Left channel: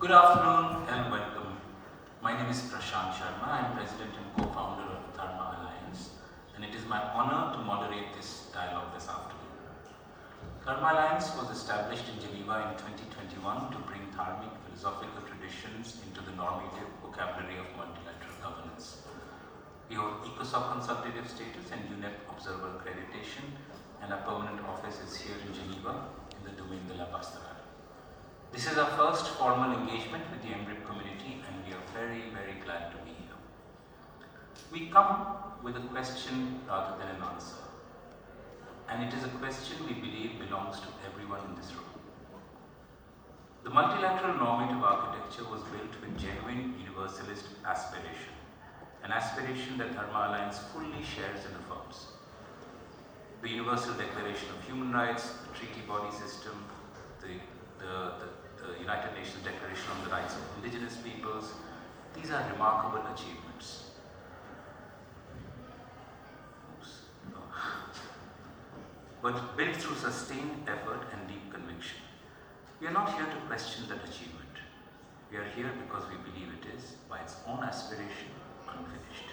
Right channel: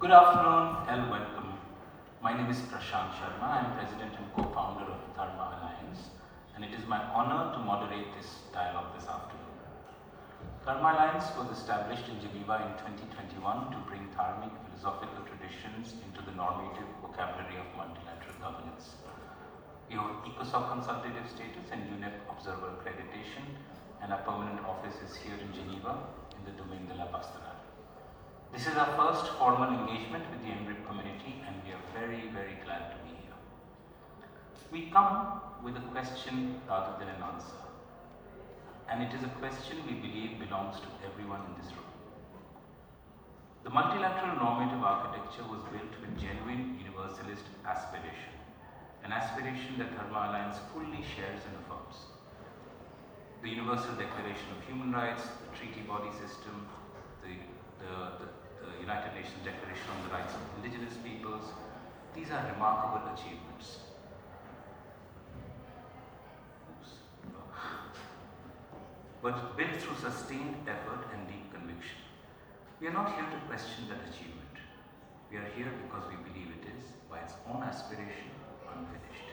Good afternoon and welcome. My name is Prashant Sharma. I am President and co-founder of Dharma Alliance, and it is my honor to moderate this dialogue this afternoon. Dharma Alliance was established in Geneva in 2021 to bring Dharmic philosophical traditions into the normative vocabulary of multilateral governance. We hold ECOSOC consultative status and UNDRIP observer accreditation, and our permanent office is here in Geneva in the Domaine de la Pastoral. This is our first formal engagement with the UNDRIP community, and we are very, very glad to be here. We come with a question rather than an answer, and it is a question we believe belongs to everyone in this room. The multilateral normative architecture was built with genuine universalist aspiration, an aspiration that Dharma Alliance fully shares and affirms. The Universal Declaration of Human Rights, the treaty body system, the United Nations Declaration on the Rights of Indigenous Peoples, these are remarkable achievements. But built through sustained effort and deep conviction. We are not here to question that achievement. We are here because we believe it is, by its own aspiration, unfinished.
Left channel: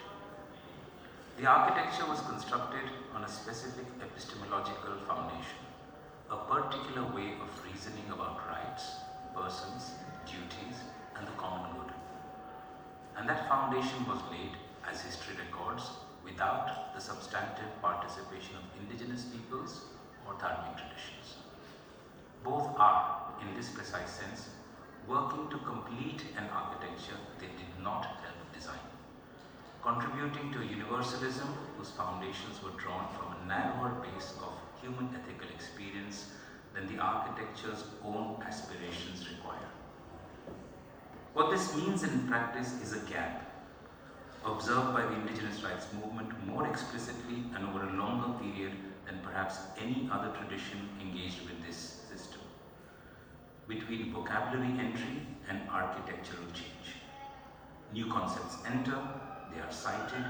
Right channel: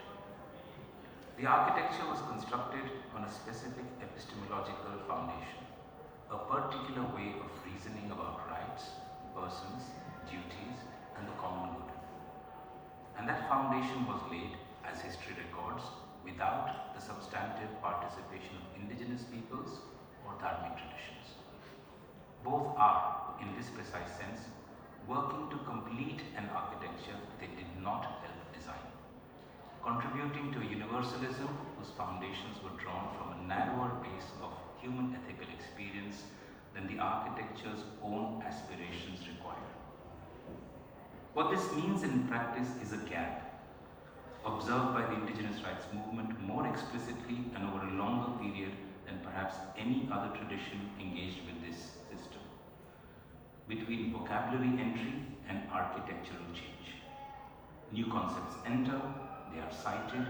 The architecture was constructed on a specific epistemological foundation, a particular way of reasoning about rights, persons, duties, and the common good. And that foundation was laid, as history records, without the substantive participation of indigenous peoples or Dharmic traditions. Both are, in this precise sense, working to complete an architecture they did not help design, contributing to a universalism whose foundations were drawn from a narrower base of human ethical experience than the architecture's own aspirations require. What this means in practice is a gap, observed by the indigenous rights movement more explicitly and over a longer period than perhaps any other tradition engaged with this system, between vocabulary entry and architectural change. New concepts enter, they are cited,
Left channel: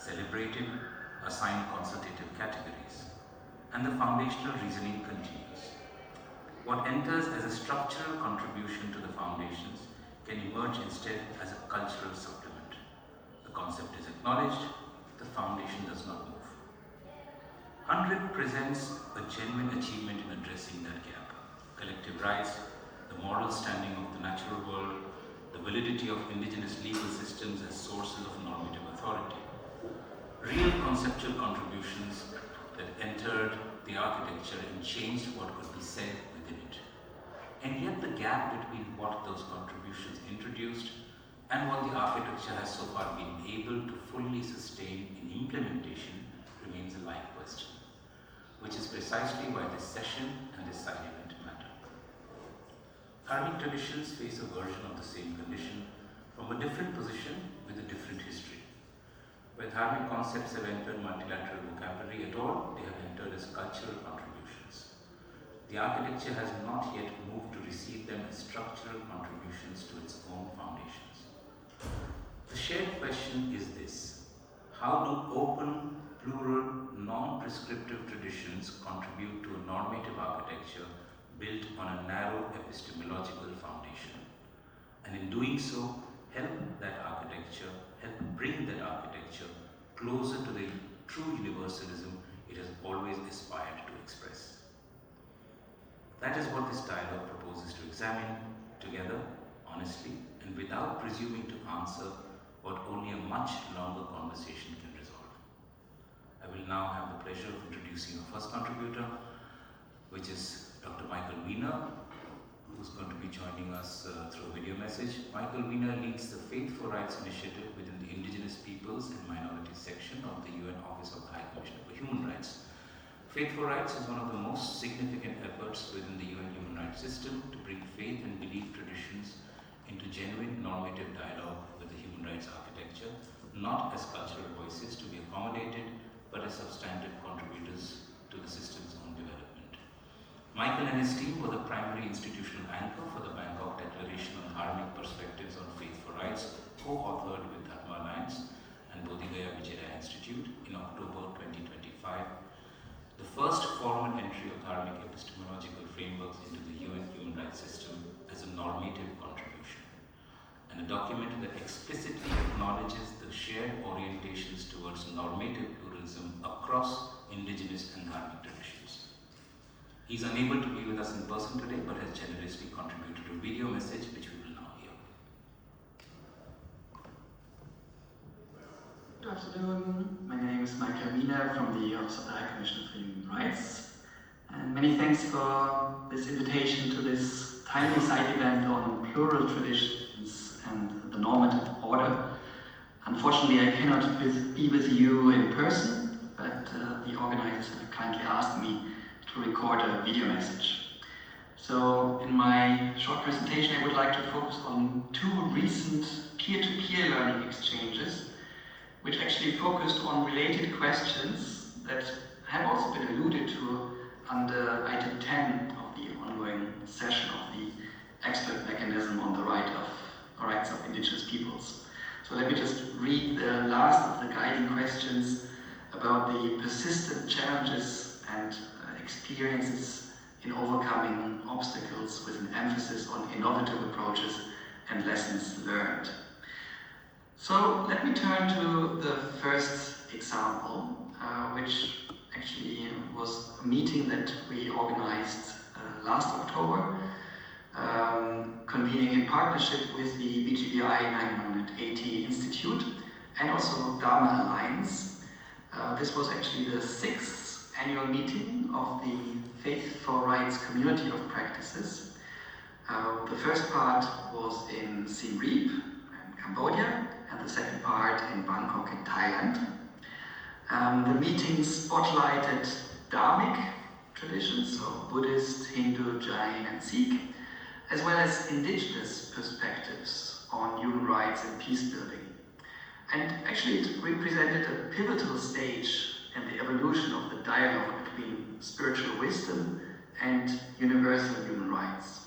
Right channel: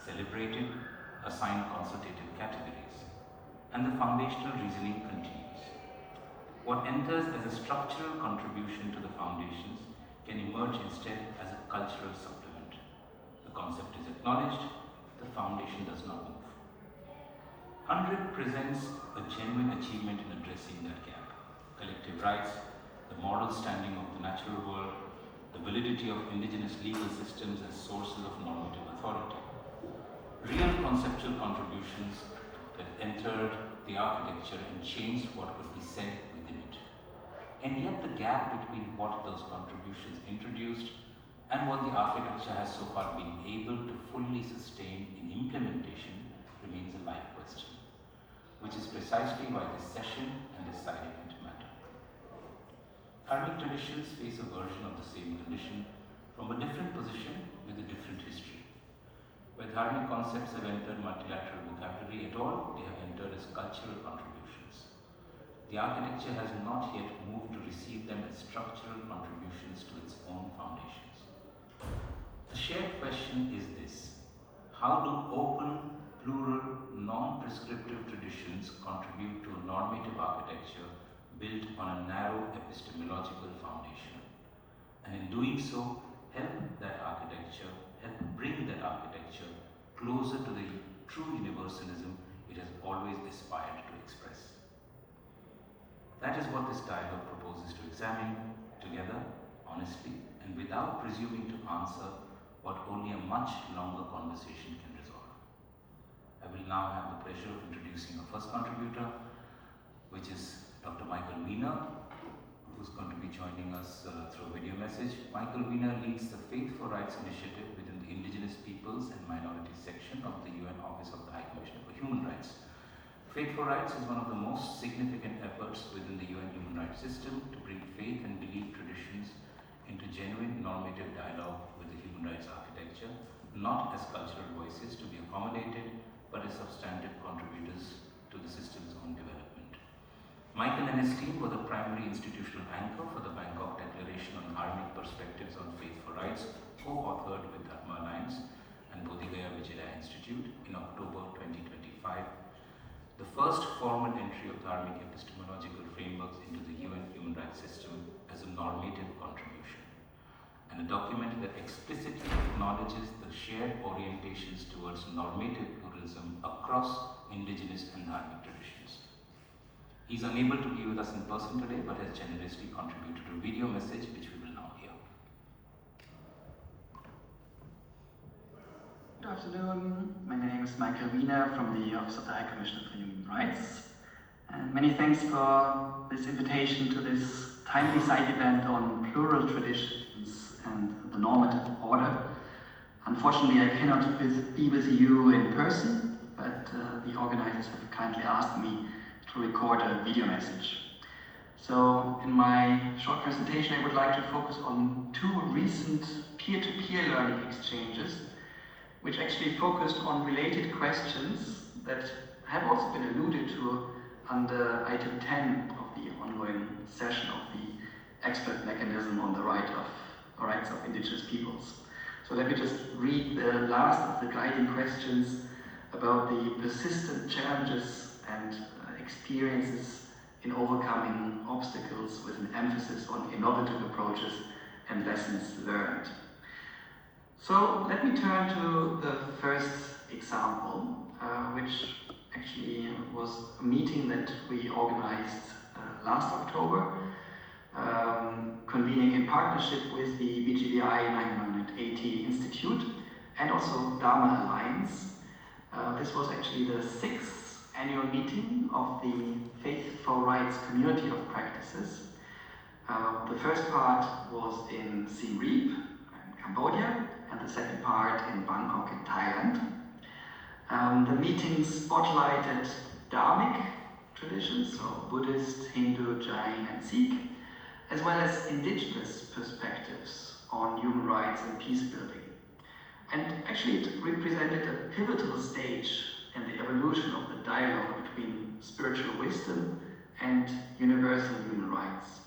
celebrated, assigned consultative categories, and the foundational reasoning continues. What enters as a structural contribution to the foundations can emerge instead as a cultural supplement. The concept is acknowledged, the foundation does not move. UNDRIP presents a genuine achievement in addressing that gap. Collective rights, the moral standing of the natural world, the validity of indigenous legal systems as sources of normative authority. Real conceptual contributions that entered the architecture and changed what could be said within it. And yet the gap between what those contributions introduced and what the architecture has so far been able to fully sustain in implementation remains a live question, which is precisely why this session and this side event matter. Dharmic traditions face a version of the same condition from a different position with a different history. Where Dharmic concepts have entered multilateral vocabulary at all, they have entered as cultural contributions. The architecture has not yet moved to receive them as structural contributions to its own foundations. The shared question is this: how do open, plural, non-prescriptive traditions contribute to a normative architecture built on a narrow epistemological foundation? And in doing so, help bring that architecture closer to the true universalism it has always aspired to express. That is what this dialogue proposes to examine together, honestly, and without presuming to answer what only a much longer conversation can resolve. I will now have the pleasure of introducing our first contributor, which is Dr. Michael Wiener, who's going to be joining us through a video message. Michael Wiener leads the Faith for Rights initiative within the Indigenous Peoples and Minorities section of the UN Office of the High Commissioner for Human Rights. Faith for Rights is one of the most significant efforts within the UN human rights system to bring faith and belief traditions into genuine normative dialogue with the human rights architecture, not as cultural voices to be accommodated, but as substantive contributors to the system's own development. Michael and his team were the primary institutional anchor for the Bangkok Declaration on Dharmic Perspectives on Faith for Rights, co-authored with Dharma Alliance and Bodhigaya Vijaya Institute in October 2025. The first formal entry of Dharmic epistemological frameworks into the UN human rights system as a normative contribution. document that explicitly acknowledges the shared orientations towards normative pluralism across Indigenous and Dharmic traditions. He is unable to be with us in person today, but has generously contributed a video message which we will now hear. Good afternoon. My name is Michael Grenier from the Office of the High Commissioner for Human Rights. And many thanks for this invitation to this timely side event on plural traditions and the normative order. Unfortunately, I cannot be with you in person, but the organizers have kindly asked me to record a video message. So in my short presentation, I would like to focus on two recent peer-to-peer learning exchanges, which actually focused on related questions that have also been alluded to under item 10 of the ongoing session of the expert mechanism on the rights of indigenous peoples. So let me just read the last of the guiding questions about the persistent challenges and experiences in overcoming obstacles with an emphasis on innovative approaches and lessons learned. So let me turn to the first example, which actually was a meeting that we organized last October, convening in partnership with the BGBI 980 Institute and also Dharma Alliance. This was actually the 6th annual meeting of the Faith for Rights community of practices. The first part was in Siem Reap in Cambodia, and the second part in Bangkok in Thailand. The meeting spotlighted Dharmic traditions, so Buddhist, Hindu, Jain and Sikh, as well as indigenous perspectives on human rights and peace building. And actually it represented a pivotal stage in the evolution of the dialogue between spiritual wisdom and universal human rights.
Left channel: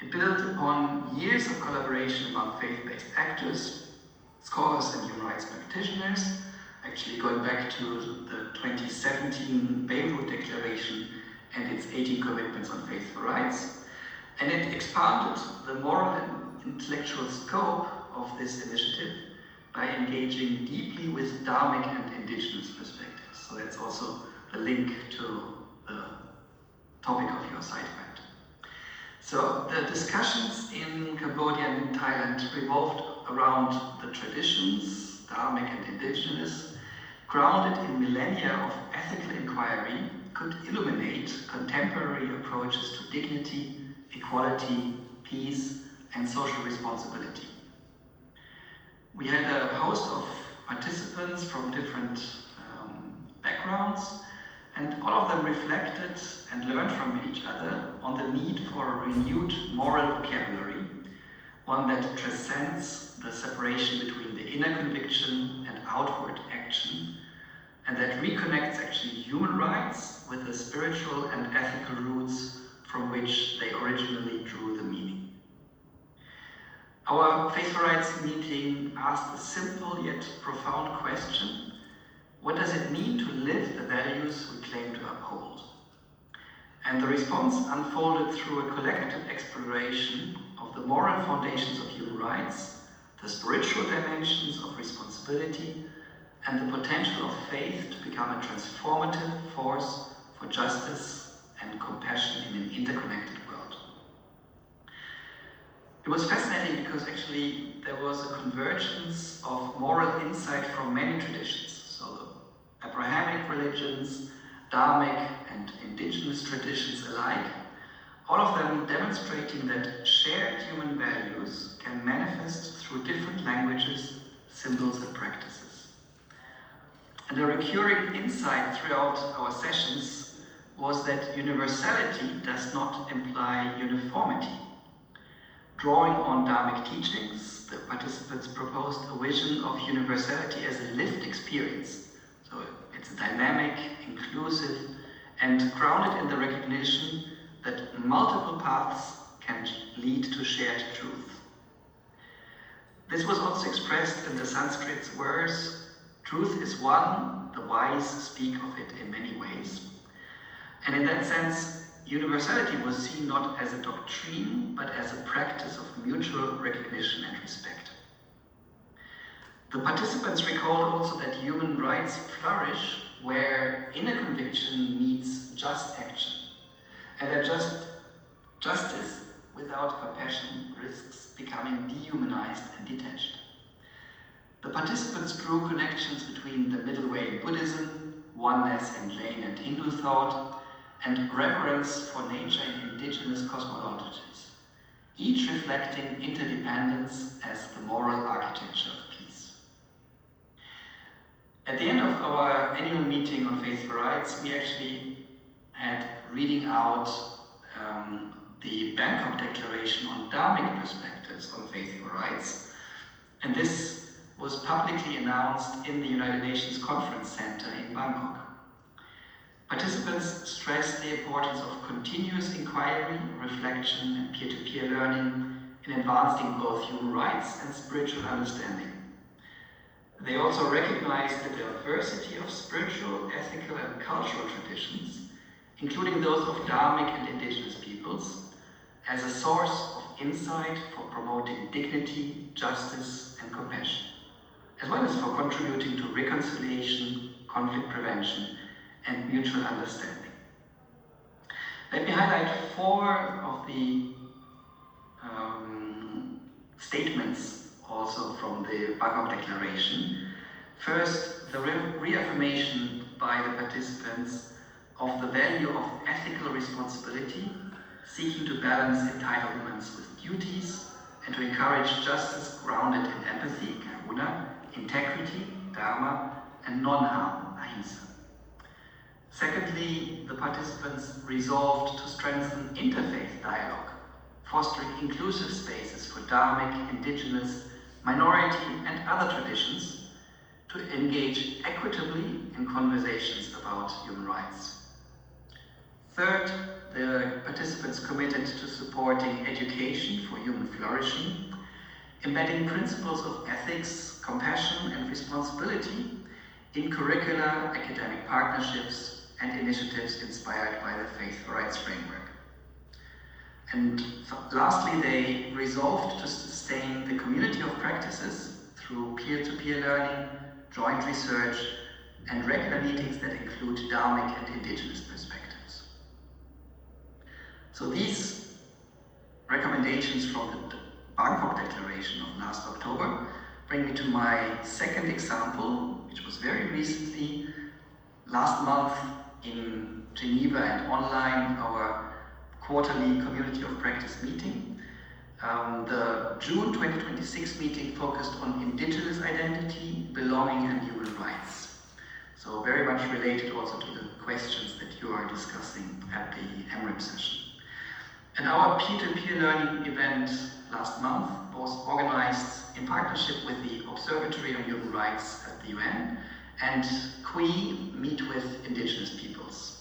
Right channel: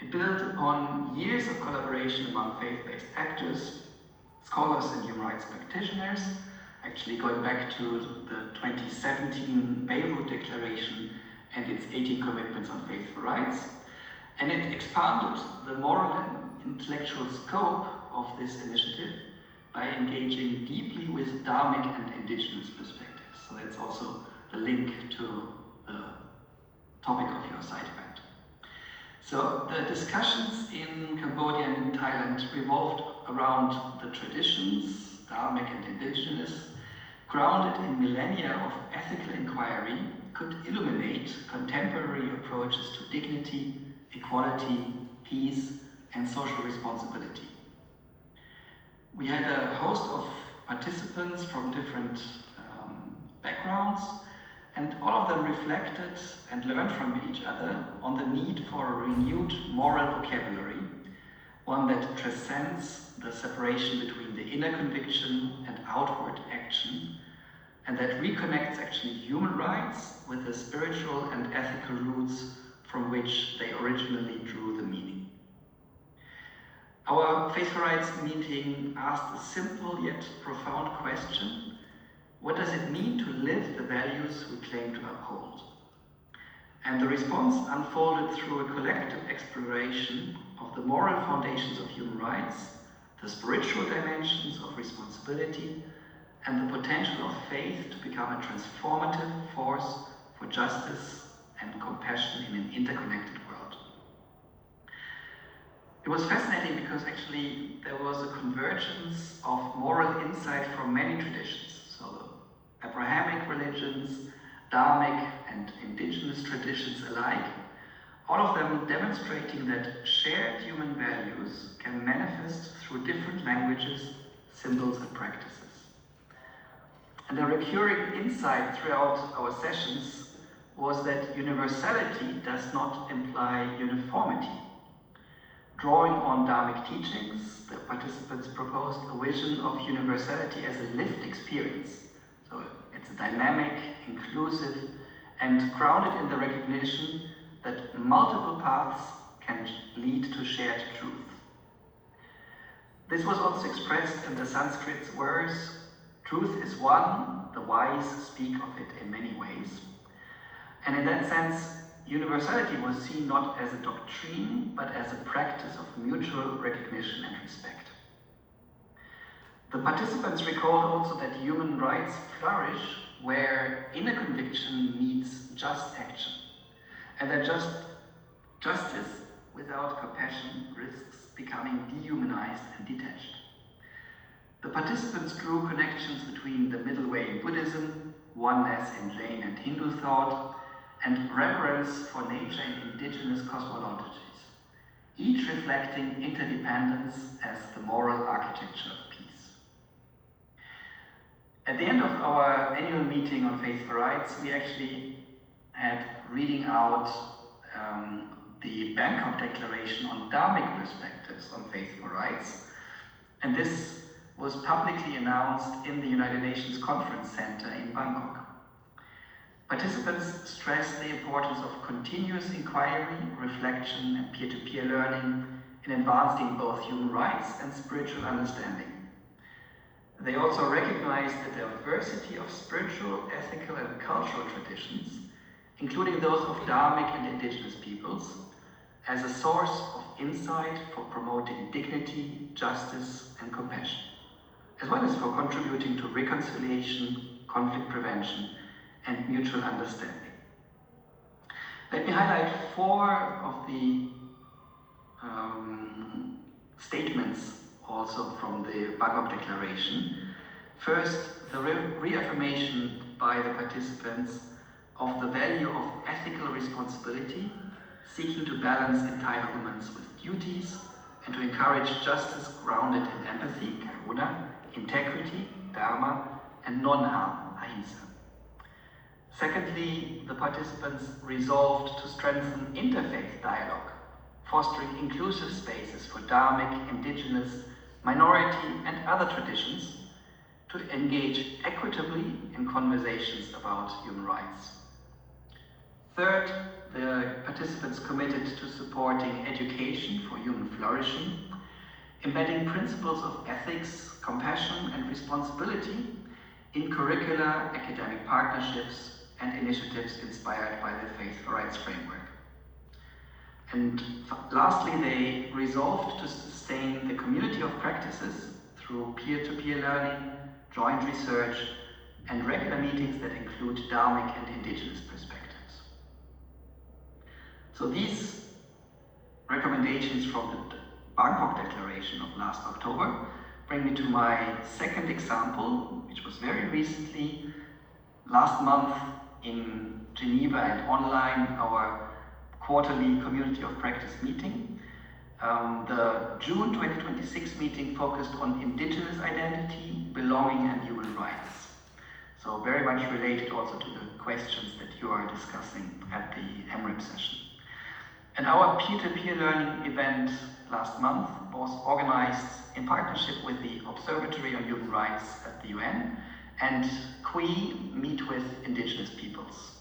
It built upon years of collaboration among faith-based actors, scholars and human rights practitioners, actually going back to the 2017 Beirut Declaration and its 18 commitments on faith for rights. And it expanded the moral and intellectual scope of this initiative by engaging deeply with Dharmic and indigenous perspectives. So that's also the link to the topic of your side event. So the discussions in Cambodia and in Thailand revolved around the traditions, Dharmic and indigenous, grounded in millennia of ethical inquiry, could illuminate contemporary approaches to dignity, equality, peace, and social responsibility. We had a host of participants from different backgrounds, and all of them reflected and learned from each other on the need for a renewed moral vocabulary, one that transcends the separation between the inner conviction and outward action, and that reconnects actually human rights with the spiritual and ethical roots from which they originally drew the meaning. Our Faith for Rights meeting asked a simple yet profound question: what does it mean to live the values we claim to uphold? And the response unfolded through a collective exploration of the moral foundations of human rights, the spiritual dimensions of responsibility, and the potential of faith to become a transformative force for justice and compassion in an interconnected world. It was fascinating because actually there was a convergence of moral insight from many traditions. So the Abrahamic religions, Dharmic and indigenous traditions alike, all of them demonstrating that shared human values can manifest through different languages, symbols and practices. And a recurring insight throughout our sessions was that universality does not imply uniformity. Drawing on Dharmic teachings, the participants proposed a vision of universality as a lived experience. So it's a dynamic, inclusive, and grounded in the recognition that multiple paths can lead to shared truth. This was also expressed in the Sanskrit words, "Truth is one, the wise speak of it in many ways." And in that sense, universality was seen not as a doctrine, but as a practice of mutual recognition and respect. The participants recalled also that human rights flourish where inner conviction meets just action, and that justice without compassion risks becoming dehumanized and detached. The participants drew connections between the middle way in Buddhism, oneness in Jain and Hindu thought, and reverence for nature in indigenous cosmologies, each reflecting interdependence as the moral architecture of peace. At the end of our annual meeting on faithful rights, we actually had reading out the Bangkok Declaration on Dharmic perspectives on faithful rights, and this was publicly announced in the United Nations Conference Center in Bangkok. Participants stressed the importance of continuous inquiry, reflection, and peer-to-peer learning in advancing both human rights and spiritual understanding. They also recognized the diversity of spiritual, ethical, and cultural traditions, including those of Dharmic and Indigenous peoples, as a source of insight for promoting dignity, justice, and compassion, as well as for contributing to reconciliation, conflict prevention, and mutual understanding. Let me highlight 4 of the statements also from the Bangkok Declaration. First, the reaffirmation by the participants of the value of ethical responsibility, seeking to balance entitlements with duties, and to encourage justice grounded in empathy, karuna, integrity, dharma, and non-harm, ahimsa. Secondly, the participants resolved to strengthen interfaith dialogue, fostering inclusive spaces for Dharmic, Indigenous, minority, and other traditions to engage equitably in conversations about human rights. Third, the participants committed to supporting education for human flourishing, embedding principles of ethics, compassion, and responsibility in curricula, academic partnerships, and initiatives inspired by the Faithful Rights Framework. And lastly, they resolved to sustain the community of practices through peer-to-peer learning, joint research, and regular meetings that include Dharmic and Indigenous perspectives. So these recommendations from the Bangkok Declaration of last October bring me to my second example, which was very recently, last month in Geneva and online, our quarterly Community of Practice meeting. The June 2026 meeting focused on Indigenous identity, belonging, and human rights. So very much related also to the questions that you are discussing at the UNDRIP session. And our peer-to-peer learning event last month was organized in partnership with the Observatory on Human Rights at the UN and QUI Meet with Indigenous Peoples.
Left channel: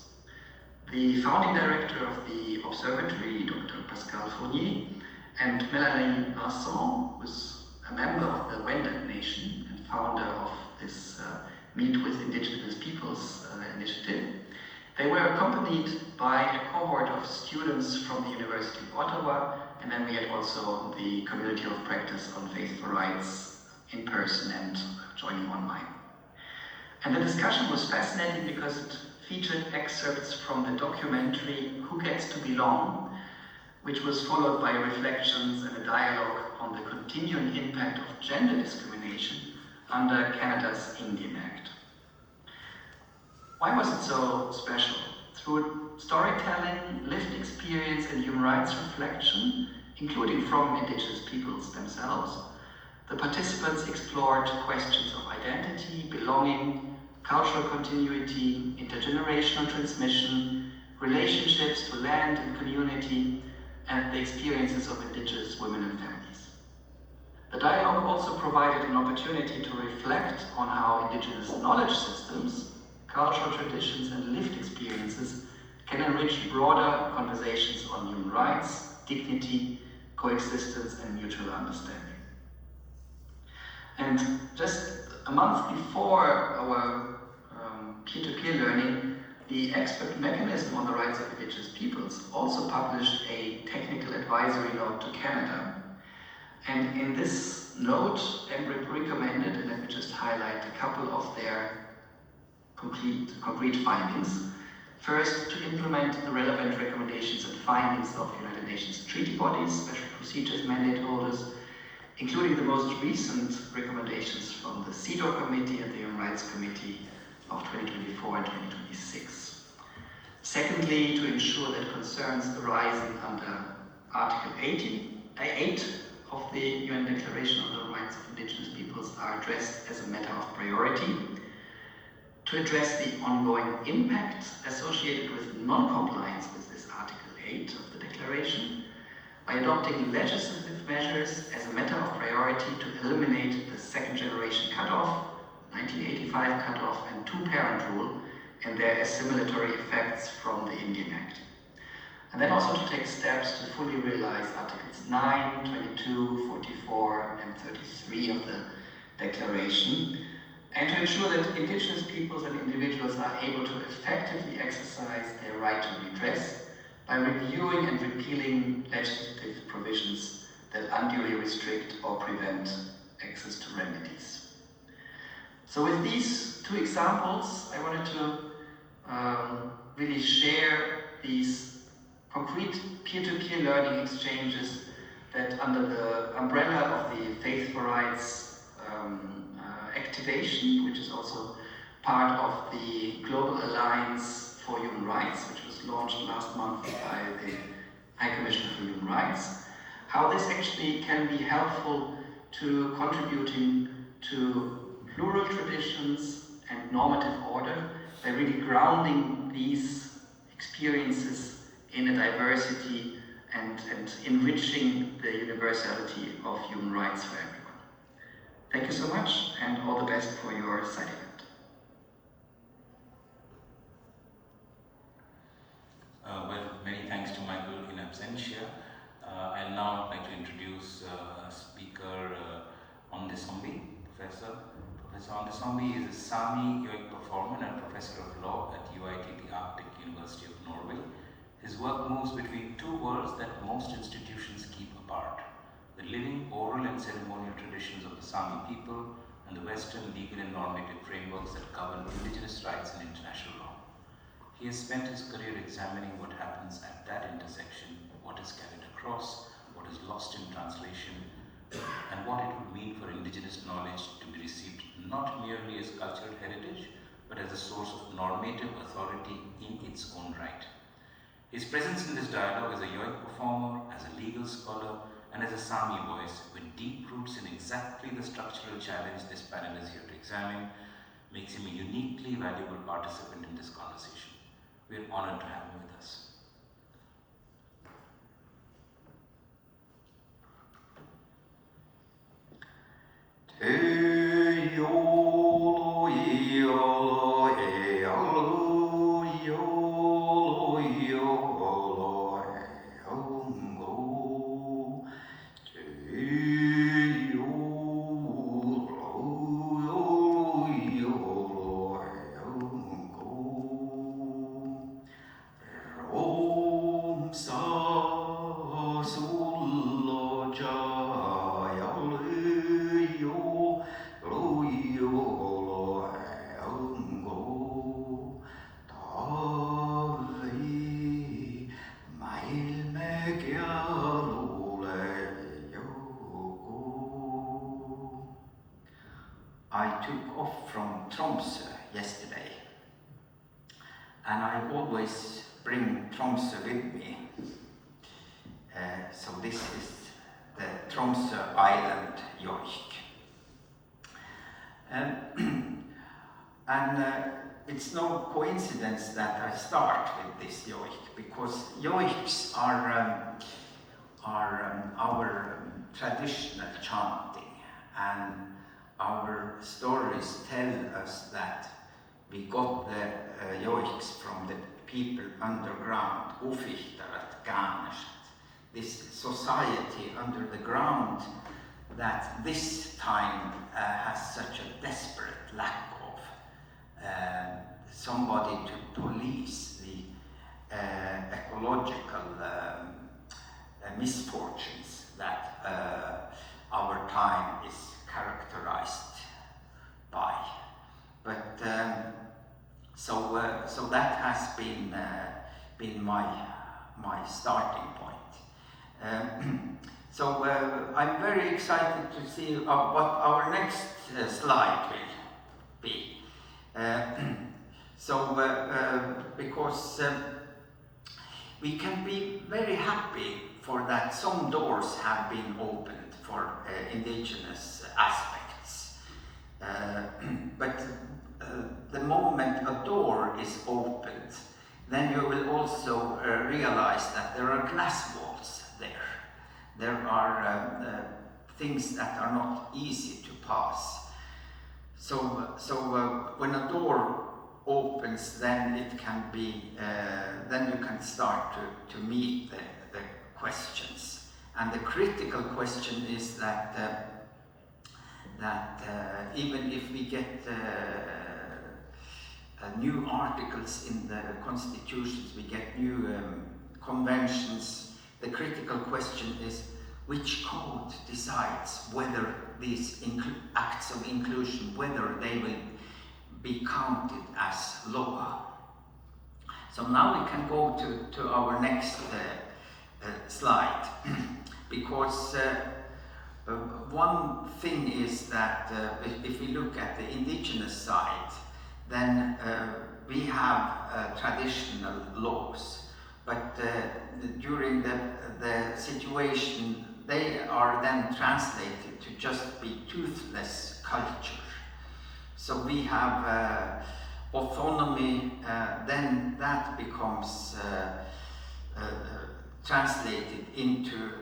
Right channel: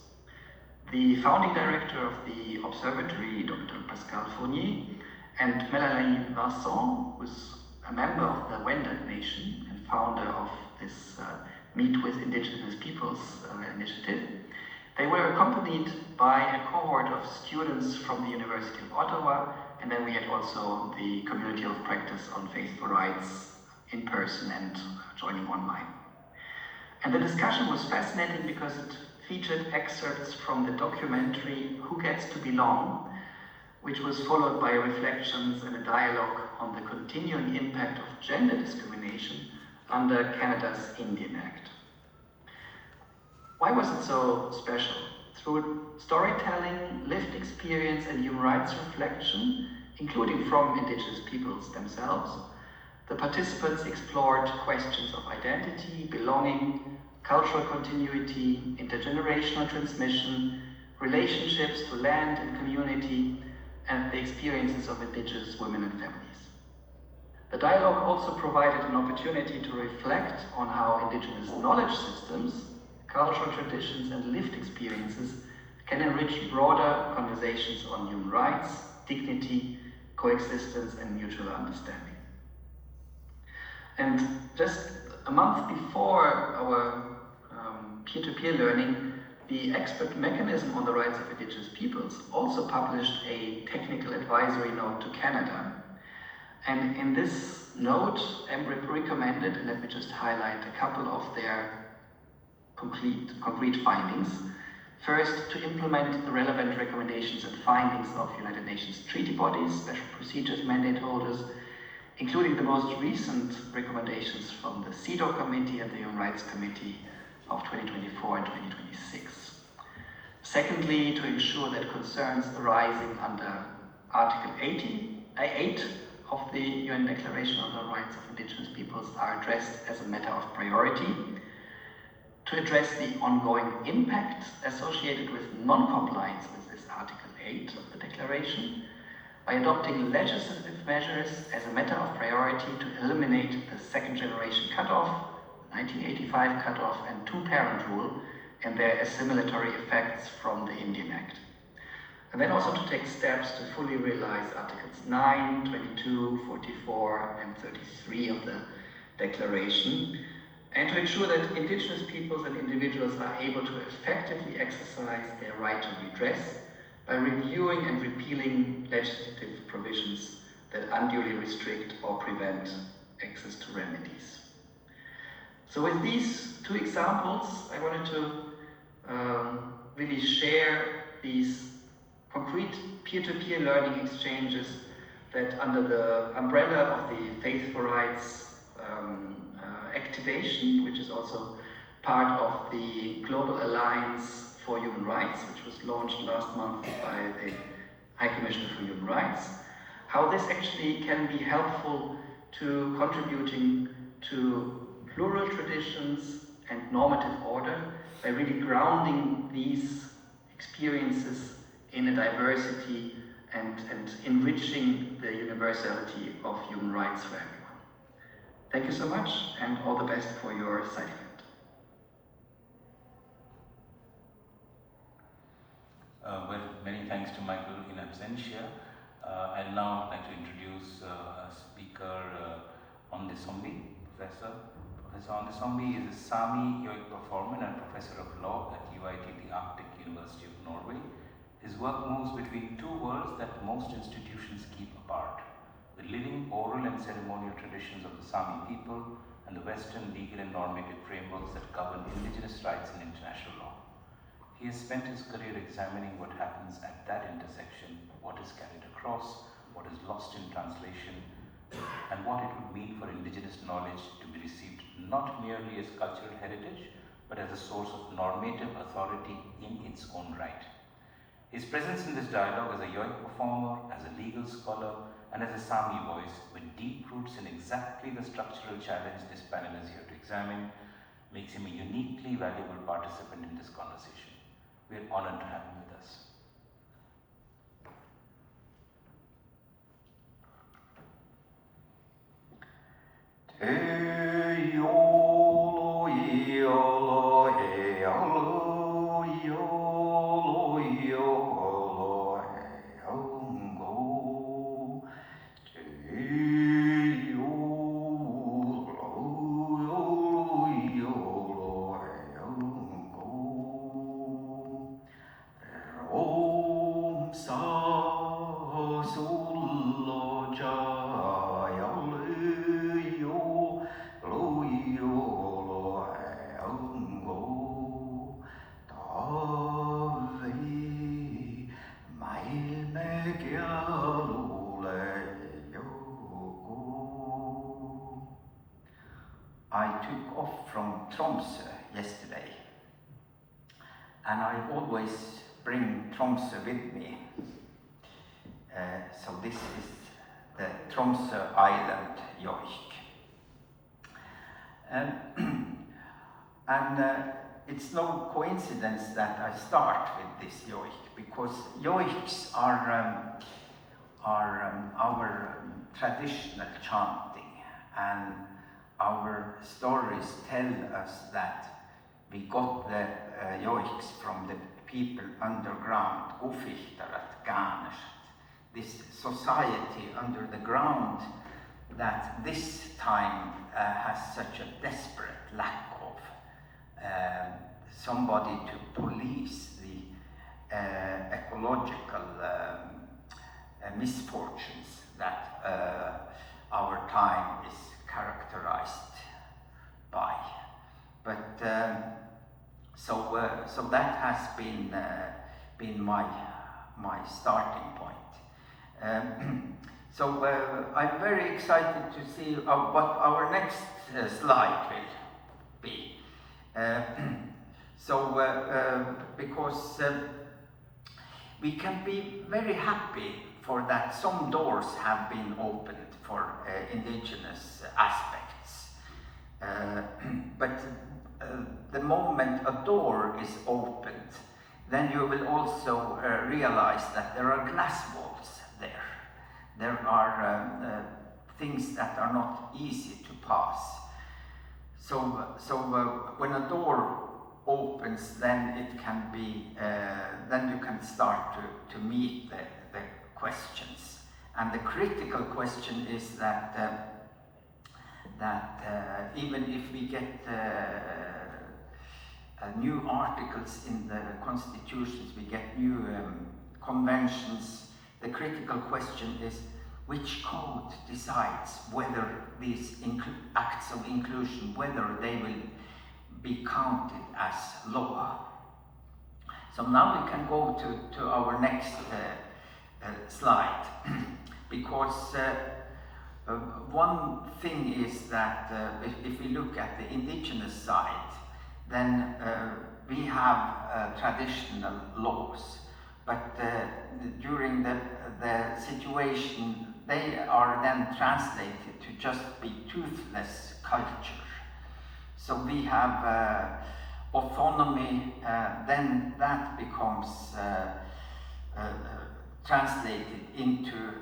The founding director of the observatory, Dr. Pascal Fournier, and Melanie Vincent, who is a member of the Wendat Nation and founder of this Meet with Indigenous Peoples initiative, they were accompanied by a cohort of students from the University of Ottawa, and then we had also the Community of Practice on Faithful Rights in person and joining online. And the discussion was fascinating because it featured excerpts from the documentary Who Gets to Belong, which was followed by reflections and a dialogue on the continuing impact of gender discrimination under Canada's Indian Act. Why was it so special? Through storytelling, lived experience, and human rights reflection, including from Indigenous peoples themselves, the participants explored questions of identity, belonging, cultural continuity, intergenerational transmission, relationships to land and community, and the experiences of Indigenous women and families. The dialogue also provided an opportunity to reflect on how Indigenous knowledge systems, cultural traditions, and lived experiences can enrich broader conversations on human rights, dignity, coexistence, and mutual understanding. And just a month before our peer-to-peer learning, the expert mechanism on the rights of indigenous peoples also published a technical advisory note to Canada. And in this note, UNDRIP recommended, and let me just highlight a couple of their concrete findings. First, to implement the relevant recommendations and findings of United Nations treaty bodies, special procedures mandate holders, including the most recent recommendations from the CEDAW Committee and the Human Rights Committee of 2024 and 2026. Secondly, to ensure that concerns arising under Article 8 of the UN Declaration on the Rights of Indigenous Peoples are addressed as a matter of priority. To address the ongoing impact associated with non-compliance with this Article 8 of the Declaration, by adopting legislative measures as a matter of priority to eliminate the second generation cutoff, 1985 cutoff, and two-parent rule, and their assimilatory effects from the Indian Act. And then also to take steps to fully realize Articles 9, 22, 44, and 33 of the Declaration, and to ensure that indigenous peoples and individuals are able to effectively exercise their right to redress by reviewing and repealing legislative provisions that unduly restrict or prevent access to remedies. So with these two examples, I wanted to really share these concrete peer-to-peer learning exchanges that under the umbrella of the Faith for Rights activation, which is also part of the Global Alliance for Human Rights, which was launched last month by the High Commissioner for Human Rights, how this actually can be helpful to contributing to plural traditions and normative order by really grounding these experiences in a diversity and enriching the universality of human rights for everyone. Thank you so much, and all the best for your side event. Well, many thanks to Michael in absentia. I'd now like to introduce a speaker, Ondesombi, Professor. Professor Ondesombi is a Sami yogic performer and professor of law at UIT, the Arctic University of Norway. His work moves between two worlds that most institutions keep apart: the living oral and ceremonial traditions of the Sami people and the Western legal and normative frameworks that govern indigenous rights and international law. He has spent his career examining what happens at that intersection, what is carried across, what is lost in translation, and what it would mean for indigenous knowledge to be received not merely as cultural heritage, but as a source of normative authority in its own right. His presence in this dialogue as a yogic performer, as a legal scholar, and as a Sami voice, with deep roots in exactly the structural challenge this panel is here to examine, makes him a uniquely valuable participant in this conversation. We are honored to have him with us. I took off from Tromsø yesterday, and I always bring Tromsø with me. So this is the Tromsø Island yoik. It's no coincidence that I start with this yoik, because yoiks are our traditional chanting, and our stories tell us that we got the yoiks from the people underground, Gufihtarat, Ganesh, this society under the ground that this time has such a desperate lack of somebody to police the ecological misfortunes that our time is characterized by. But so that has been my starting point. So I'm very excited to see what our next slide will be. Because we can be very happy for that some doors have been opened for indigenous aspects. But the moment a door is opened, then you will also realize that there are glass walls there. There are things that are not easy to pass. So when a door opens, then it can be, then you can start to meet the questions. And the critical question is that even if we get new articles in the constitutions, we get new conventions, the critical question is which code decides whether these acts of inclusion, whether they will be counted as law. So now we can go to our next slide, because one thing is that if we look at the indigenous side, then we have traditional laws, but during the situation, they are then translated to just be toothless culture. So we have autonomy, then that becomes translated into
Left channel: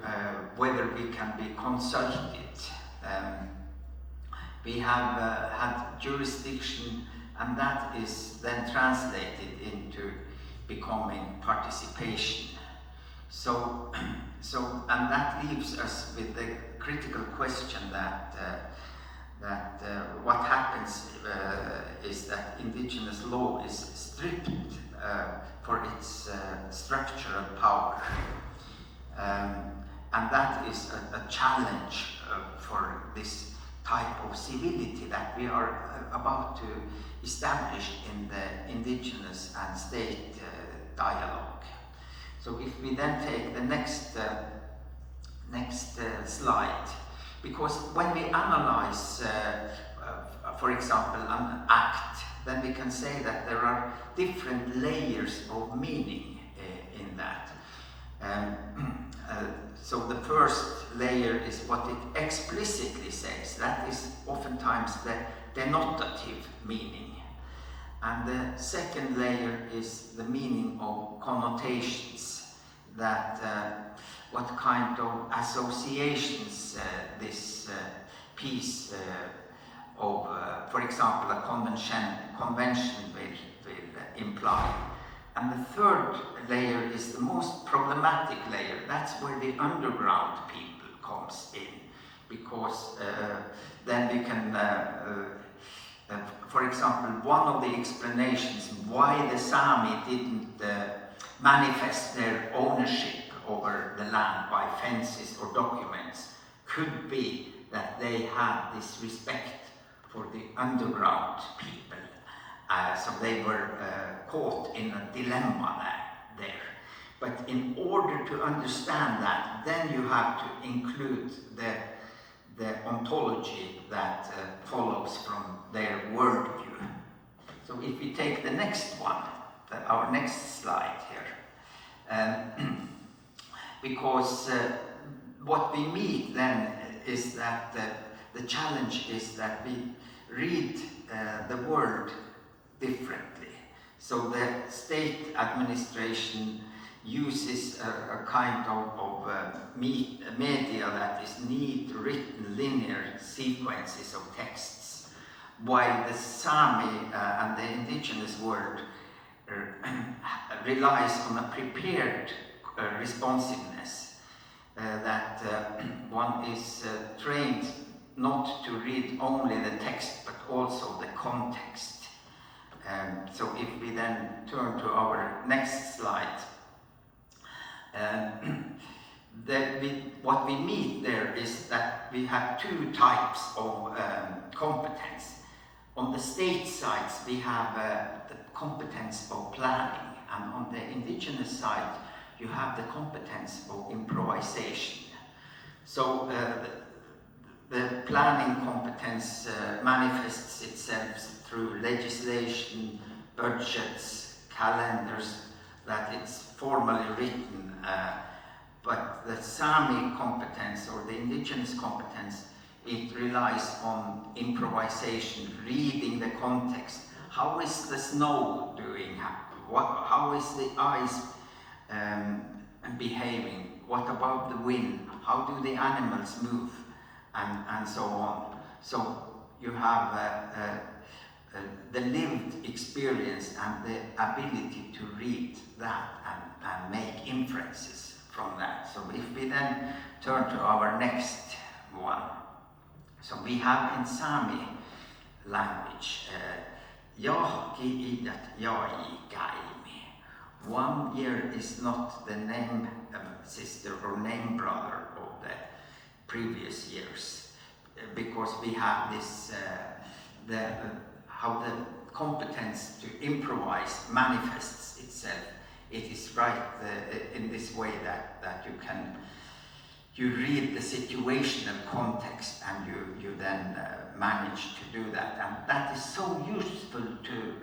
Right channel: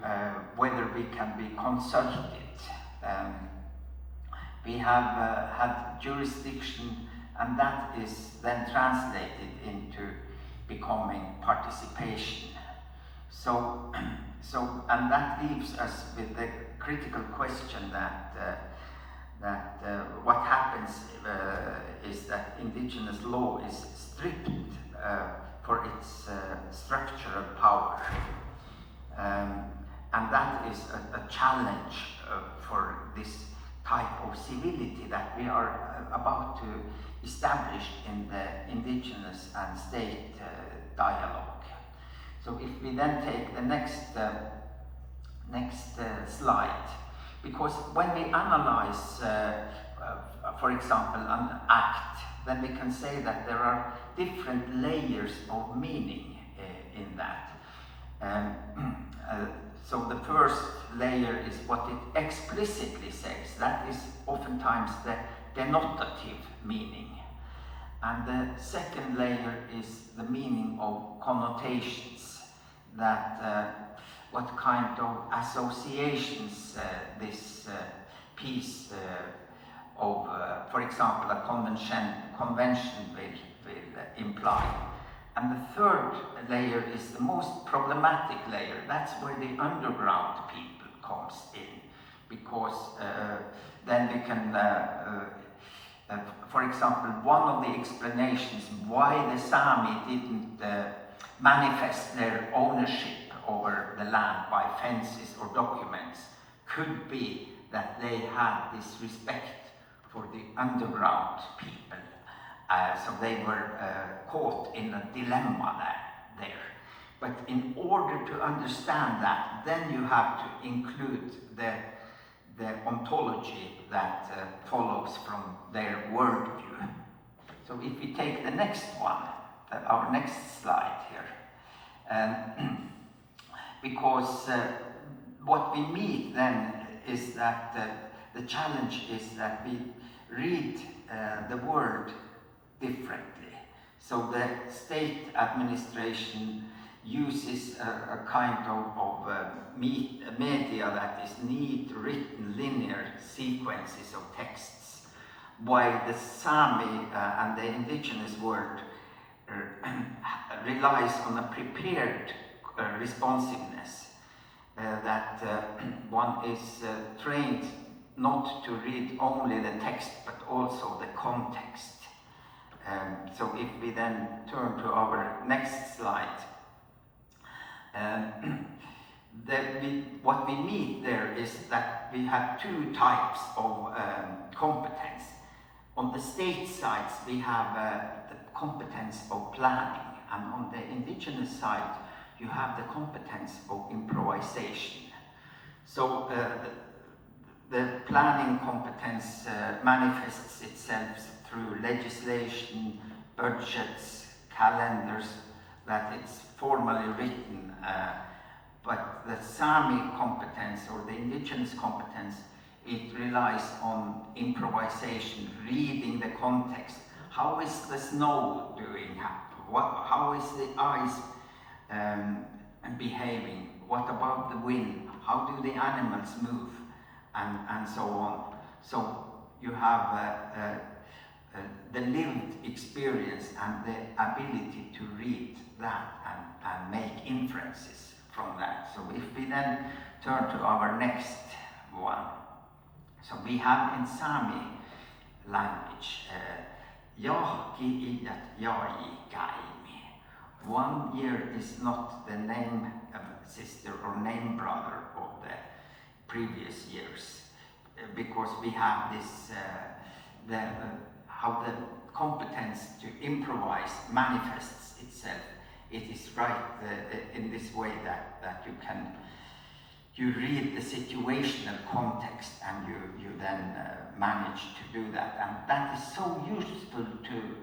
whether we can be consulted. We have had jurisdiction, and that is then translated into becoming participation. So and that leaves us with the critical question that what happens is that indigenous law is stripped for its structural power. And that is a challenge for this type of civility that we are about to establish in the indigenous and state dialogue. So if we then take the next slide, because when we analyze, for example, an act, then we can say that there are different layers of meaning in that. So the first layer is what it explicitly says. That is oftentimes the denotative meaning. And the second layer is the meaning of connotations, that what kind of associations this piece of, for example, a convention will imply. And the third layer is the most problematic layer. That's where the underground people comes in, because then we can, for example, one of the explanations why the Sami didn't manifest their ownership over the land by fences or documents could be that they had this respect for the underground people. So they were caught in a dilemma there. But in order to understand that, then you have to include the ontology that follows from their worldview. So if we take the next one, our next slide here, because what we meet then is that the challenge is that we read the world differently. So the state administration uses a kind of media that is neat, written, linear sequences of texts, while the Sami and the indigenous world relies on a prepared responsiveness, that one is trained not to read only the text but also the context. So if we then turn to our next slide, what we meet there is that we have two types of competence. On the state sides, we have the competence of planning, and on the indigenous side, you have the competence of improvisation. So the planning competence manifests itself through legislation, budgets, calendars, that it's formally written, but the Sami competence or the indigenous competence, it relies on improvisation, reading the context. How is the snow doing? How is the ice behaving? What about the wind? How do the animals move? And so on. So you have the lived experience and the ability to read that and make inferences from that. So if we then turn to our next one. So we have in Sami language, Jahki ijat jai kaimi. 1 year is not the name sister or name brother of the previous years, because we have this, how the competence to improvise manifests itself. It is right in this way that you read the situational context and you then manage to do that. And that is so useful to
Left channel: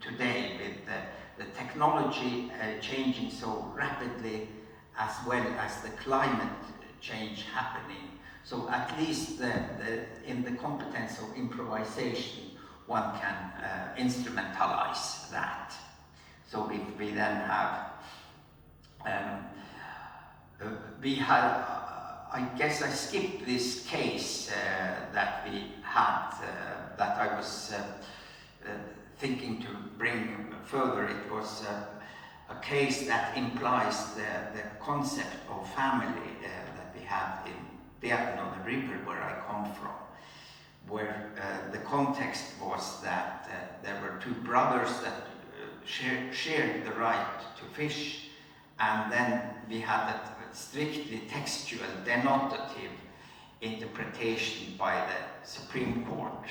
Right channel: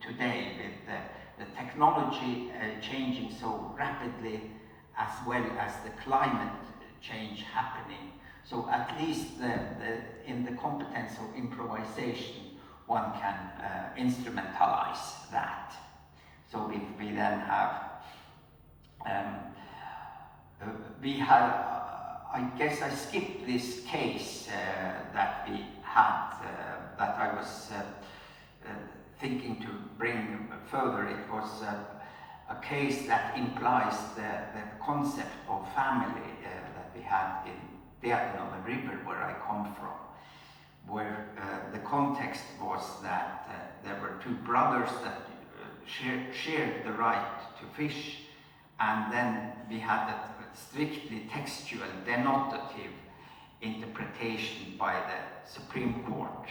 today with the technology changing so rapidly, as well as the climate change happening. So at least in the competence of improvisation, one can instrumentalize that. So if we then have, I guess I skipped this case that we had, that I was thinking to bring further. It was a case that implies the concept of family that we had in Guylaine, the river where I come from, where the context was that there were two brothers that shared the right to fish, and then we had a strictly textual denotative interpretation by the Supreme Court.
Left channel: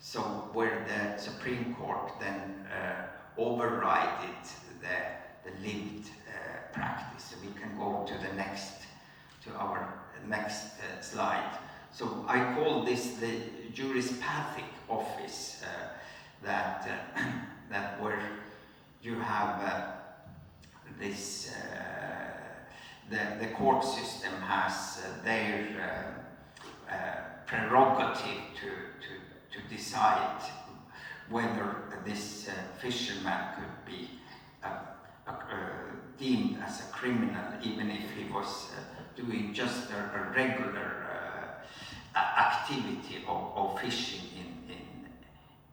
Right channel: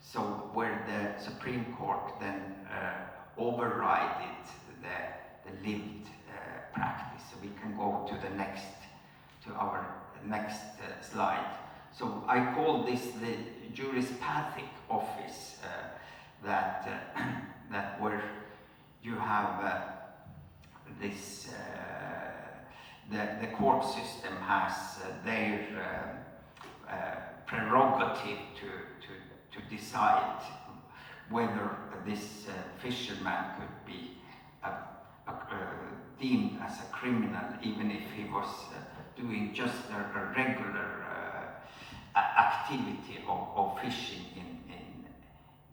So where the Supreme Court then overrided the lived practice. So we can go to our next slide. So I call this the jurispathic office, that where you have this, the court system has their prerogative to decide whether this fisherman could be deemed as a criminal, even if he was doing just a regular activity of fishing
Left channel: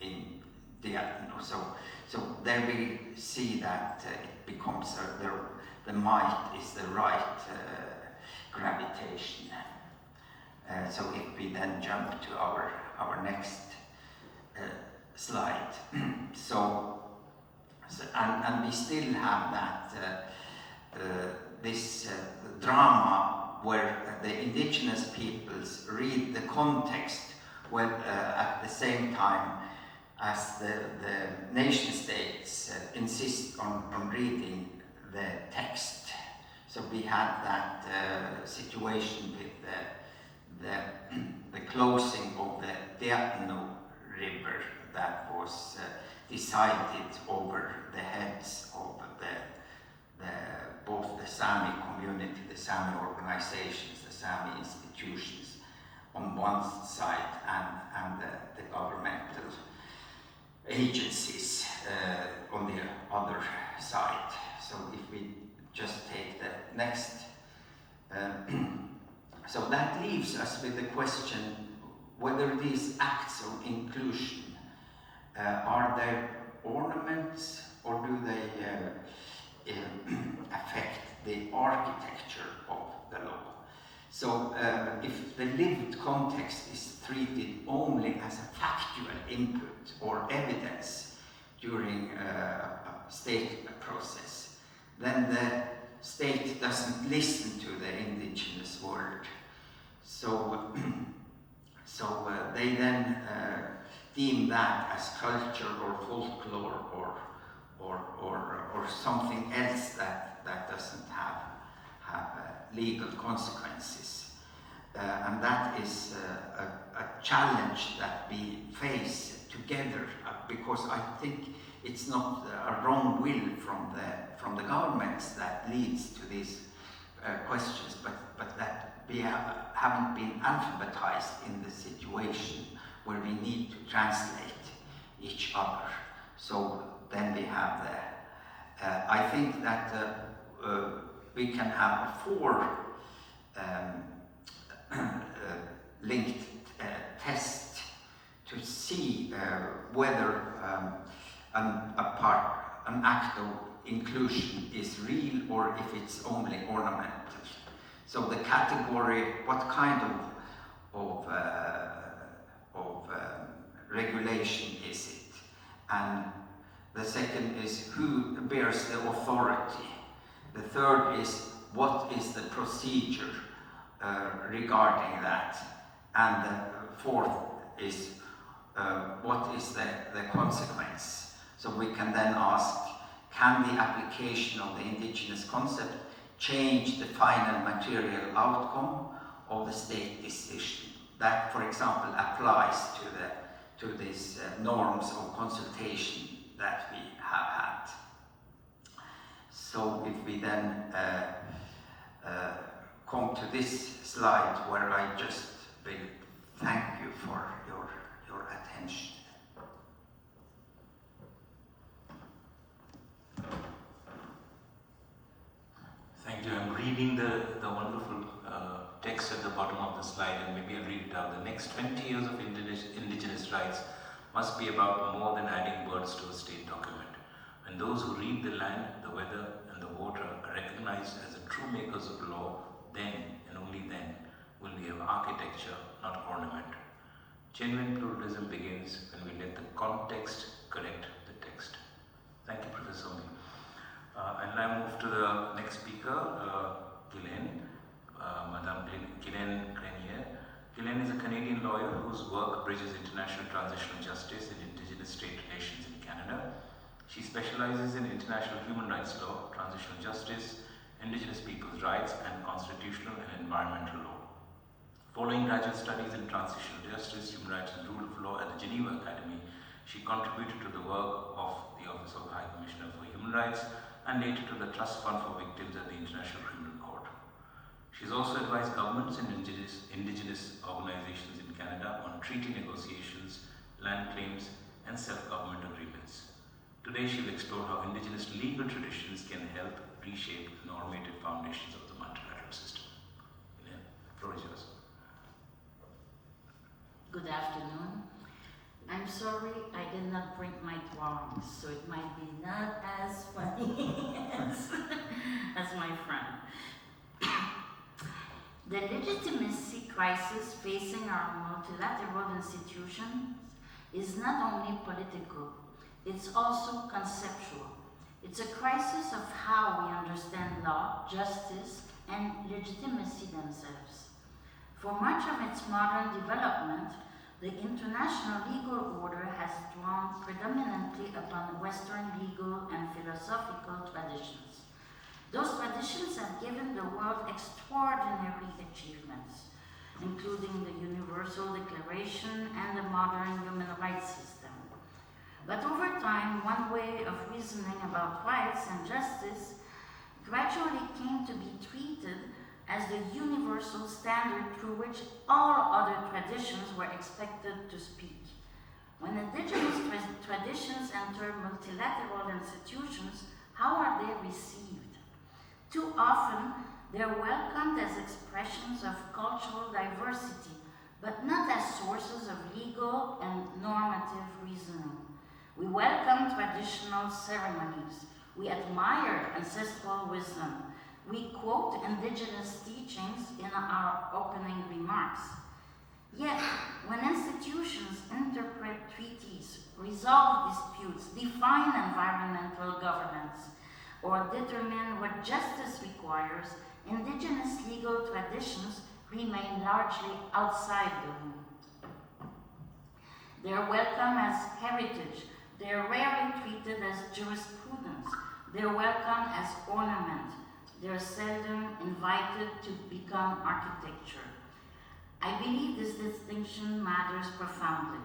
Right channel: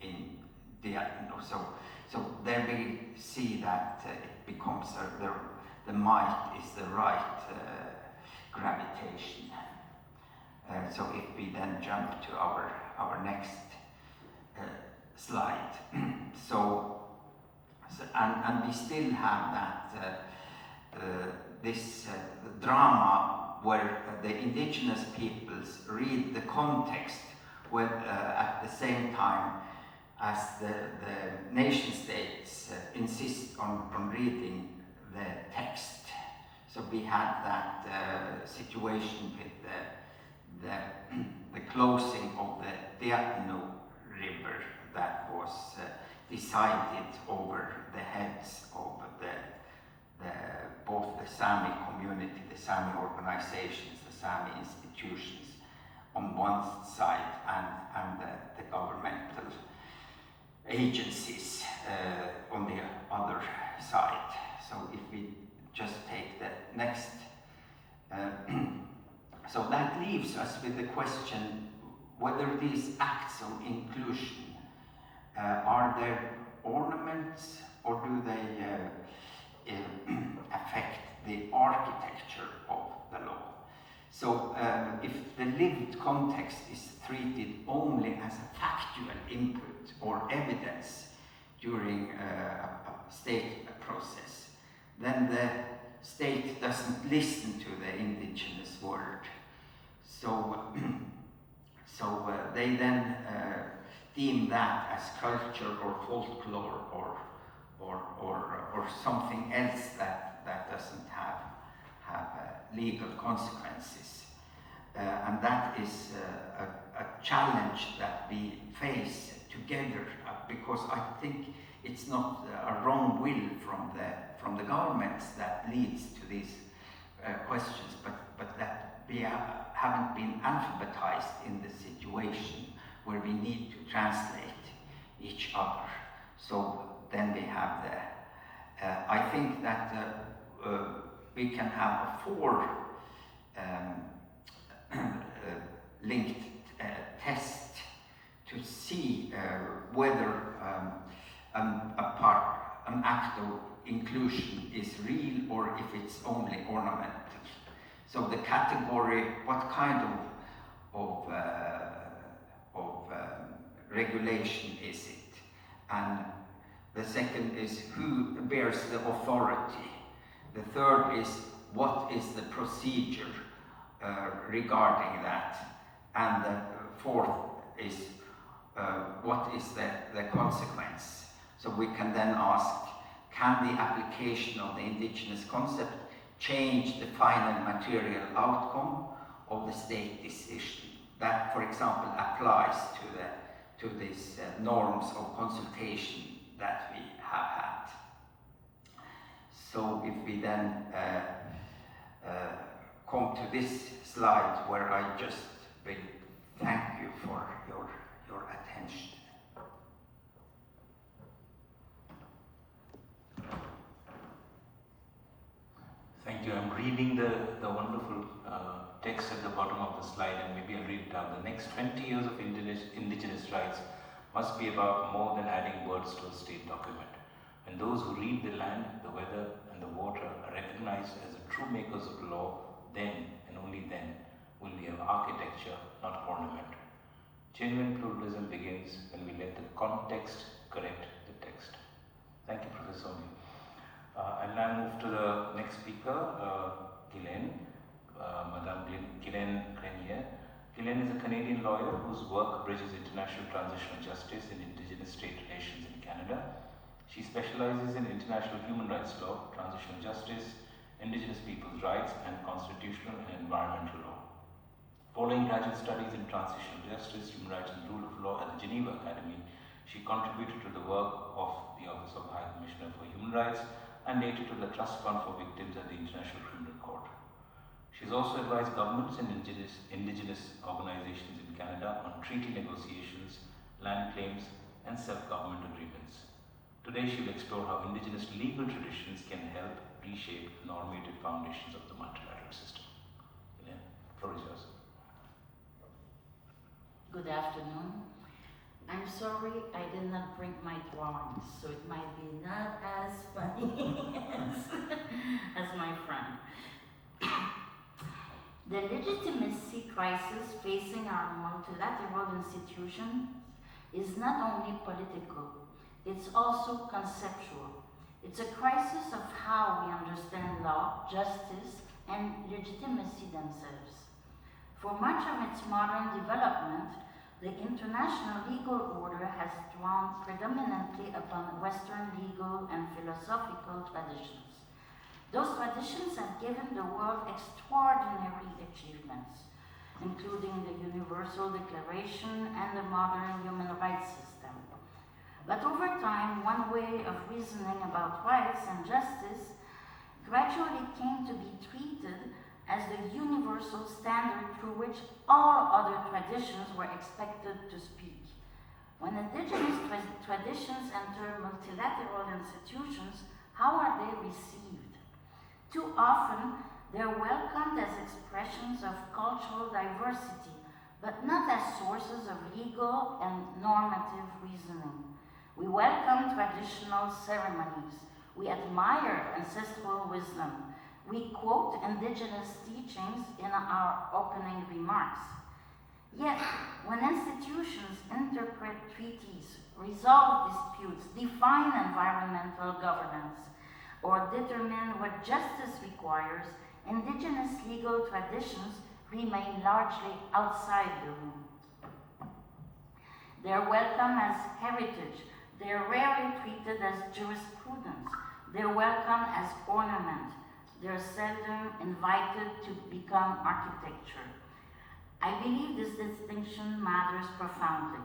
in Guylaine. So there we see that it becomes the might is the right gravitation. So if we then jump to our next slide. And we still have that this drama where the indigenous peoples read the context at the same time as the nation states insist on reading the text. So we had that situation with the closing of the Guylaine river that was decided over the heads of both the Sami community, the Sami organizations, the Sami institutions on one side, and the governmental agencies on the other side. So if we just take the next, so that leaves us with the question whether these acts of inclusion are they ornaments, or do they affect the architecture of the law? So if the lived context is treated only as a factual input or evidence, during a state process, then the state doesn't listen to the indigenous world. So, they then deem that as culture or folklore or something else that doesn't have legal consequences. And that is a challenge that we face together, because I think it's not a wrong will from the governments that leads to these questions, but that we haven't been alphabetized in the situation where we need to translate each other. So then we have the, I think that we can have a four linked test to see whether an act of inclusion is real or if it's only ornamental. So the category, what kind of regulation is it? And the second is who bears the authority. The third is what is the procedure regarding that. And the fourth is what is the consequence. So we can then ask, can the application of the indigenous concept change the final material outcome of the state decision? That, for example, applies to these norms of consultation that we have had. So if we then come to this slide, where I just will thank you for your attention. Thank you. I'm reading the wonderful text at the bottom of the slide, and maybe I'll read it out. The next 20 years of indigenous rights must be about more than adding words to a state document. When those who read the land, the weather, and the water are recognized as the true makers of law, then and only then will we have architecture, not ornament. Genuine pluralism begins when we let the context correct the text. Thank you, Professor Omi. I'll now move to the next speaker, Guylaine, Madame Guylaine Grenier. Guylaine is a Canadian lawyer whose work bridges international transitional justice and indigenous state relations in Canada. She specializes in international human rights law, transitional justice, indigenous peoples' rights, and constitutional and environmental law. Following graduate studies in transitional justice, human rights, and rule of law at the Geneva Academy, she contributed to the work of the Office of the High Commissioner for Human Rights and later to the Trust Fund for Victims at the International Criminal Court. She's also advised governments and indigenous organizations in Canada on treaty negotiations, land claims, and self-government agreements. Today she will explore how indigenous legal traditions can help reshape the normative foundations of the multilateral system. Guylaine, the floor is yours. Good afternoon. I'm sorry I did not bring my drawings, so it might be not as funny as my friend. The legitimacy crisis facing our multilateral institutions is not only political, it's also conceptual. It's a crisis of how we understand law, justice, and legitimacy themselves. For much of its modern development, the international legal order has drawn predominantly upon Western legal and philosophical traditions. Those traditions have given the world extraordinary achievements, including the Universal Declaration and the modern human rights system. But over time, one way of reasoning about rights and justice gradually came to be treated as the universal standard through which all other traditions were expected to speak. When indigenous traditions enter multilateral institutions, how are they received? Too often, they're welcomed as expressions of cultural diversity, but not as sources of legal and normative reasoning. We welcome traditional ceremonies. We admire ancestral wisdom. We quote indigenous teachings in our opening remarks. Yet, when institutions interpret treaties, resolve disputes, define environmental governance, or determine what justice requires, indigenous legal traditions remain largely outside the room. They're welcome as heritage. They're rarely treated as jurisprudence. They're welcome as ornament. They're seldom invited to become architecture. I believe this distinction matters profoundly.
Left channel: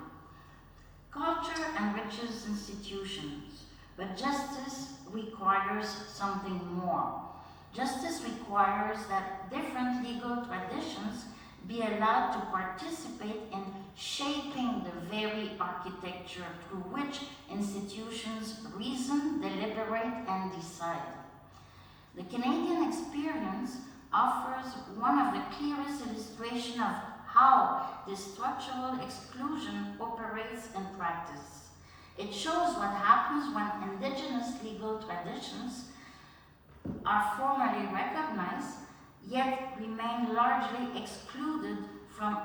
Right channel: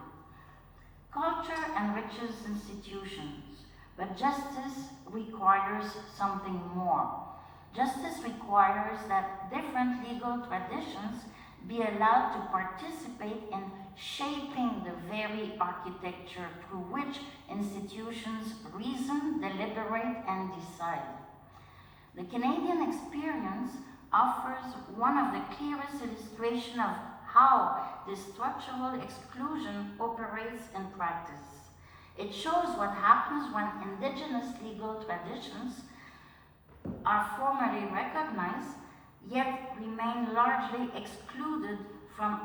Culture enriches institutions, but justice requires something more. Justice requires that different legal traditions be allowed to participate in shaping the very architecture through which institutions reason, deliberate, and decide. The Canadian experience offers one of the clearest illustrations of how this structural exclusion operates in practice. It shows what happens when indigenous legal traditions are formally recognized, yet remain largely excluded from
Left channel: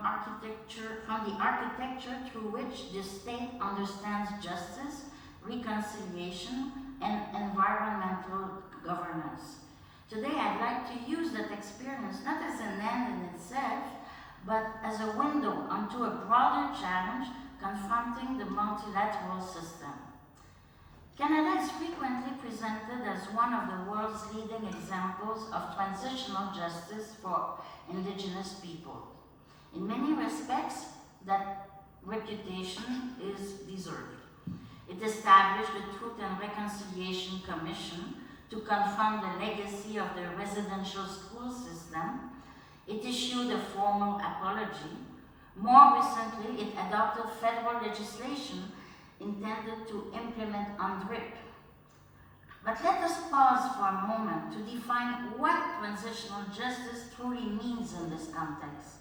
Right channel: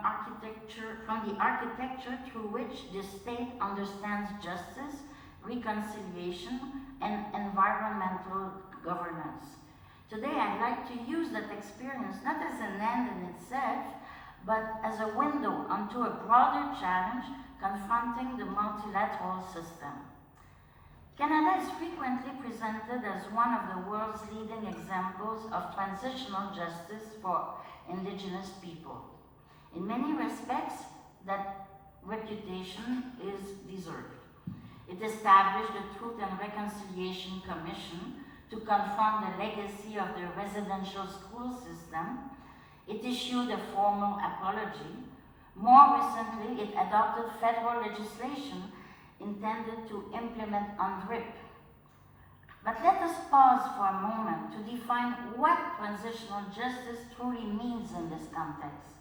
the architecture through which the state understands justice, reconciliation, and environmental governance. Today, I'd like to use that experience not as an end in itself, but as a window onto a broader challenge confronting the multilateral system. Canada is frequently presented as one of the world's leading examples of transitional justice for Indigenous people. In many respects, that reputation is deserved. It established the Truth and Reconciliation Commission to confront the legacy of the residential school system. It issued a formal apology. More recently, it adopted federal legislation intended to implement UNDRIP. But let us pause for a moment to define what transitional justice truly means in this context.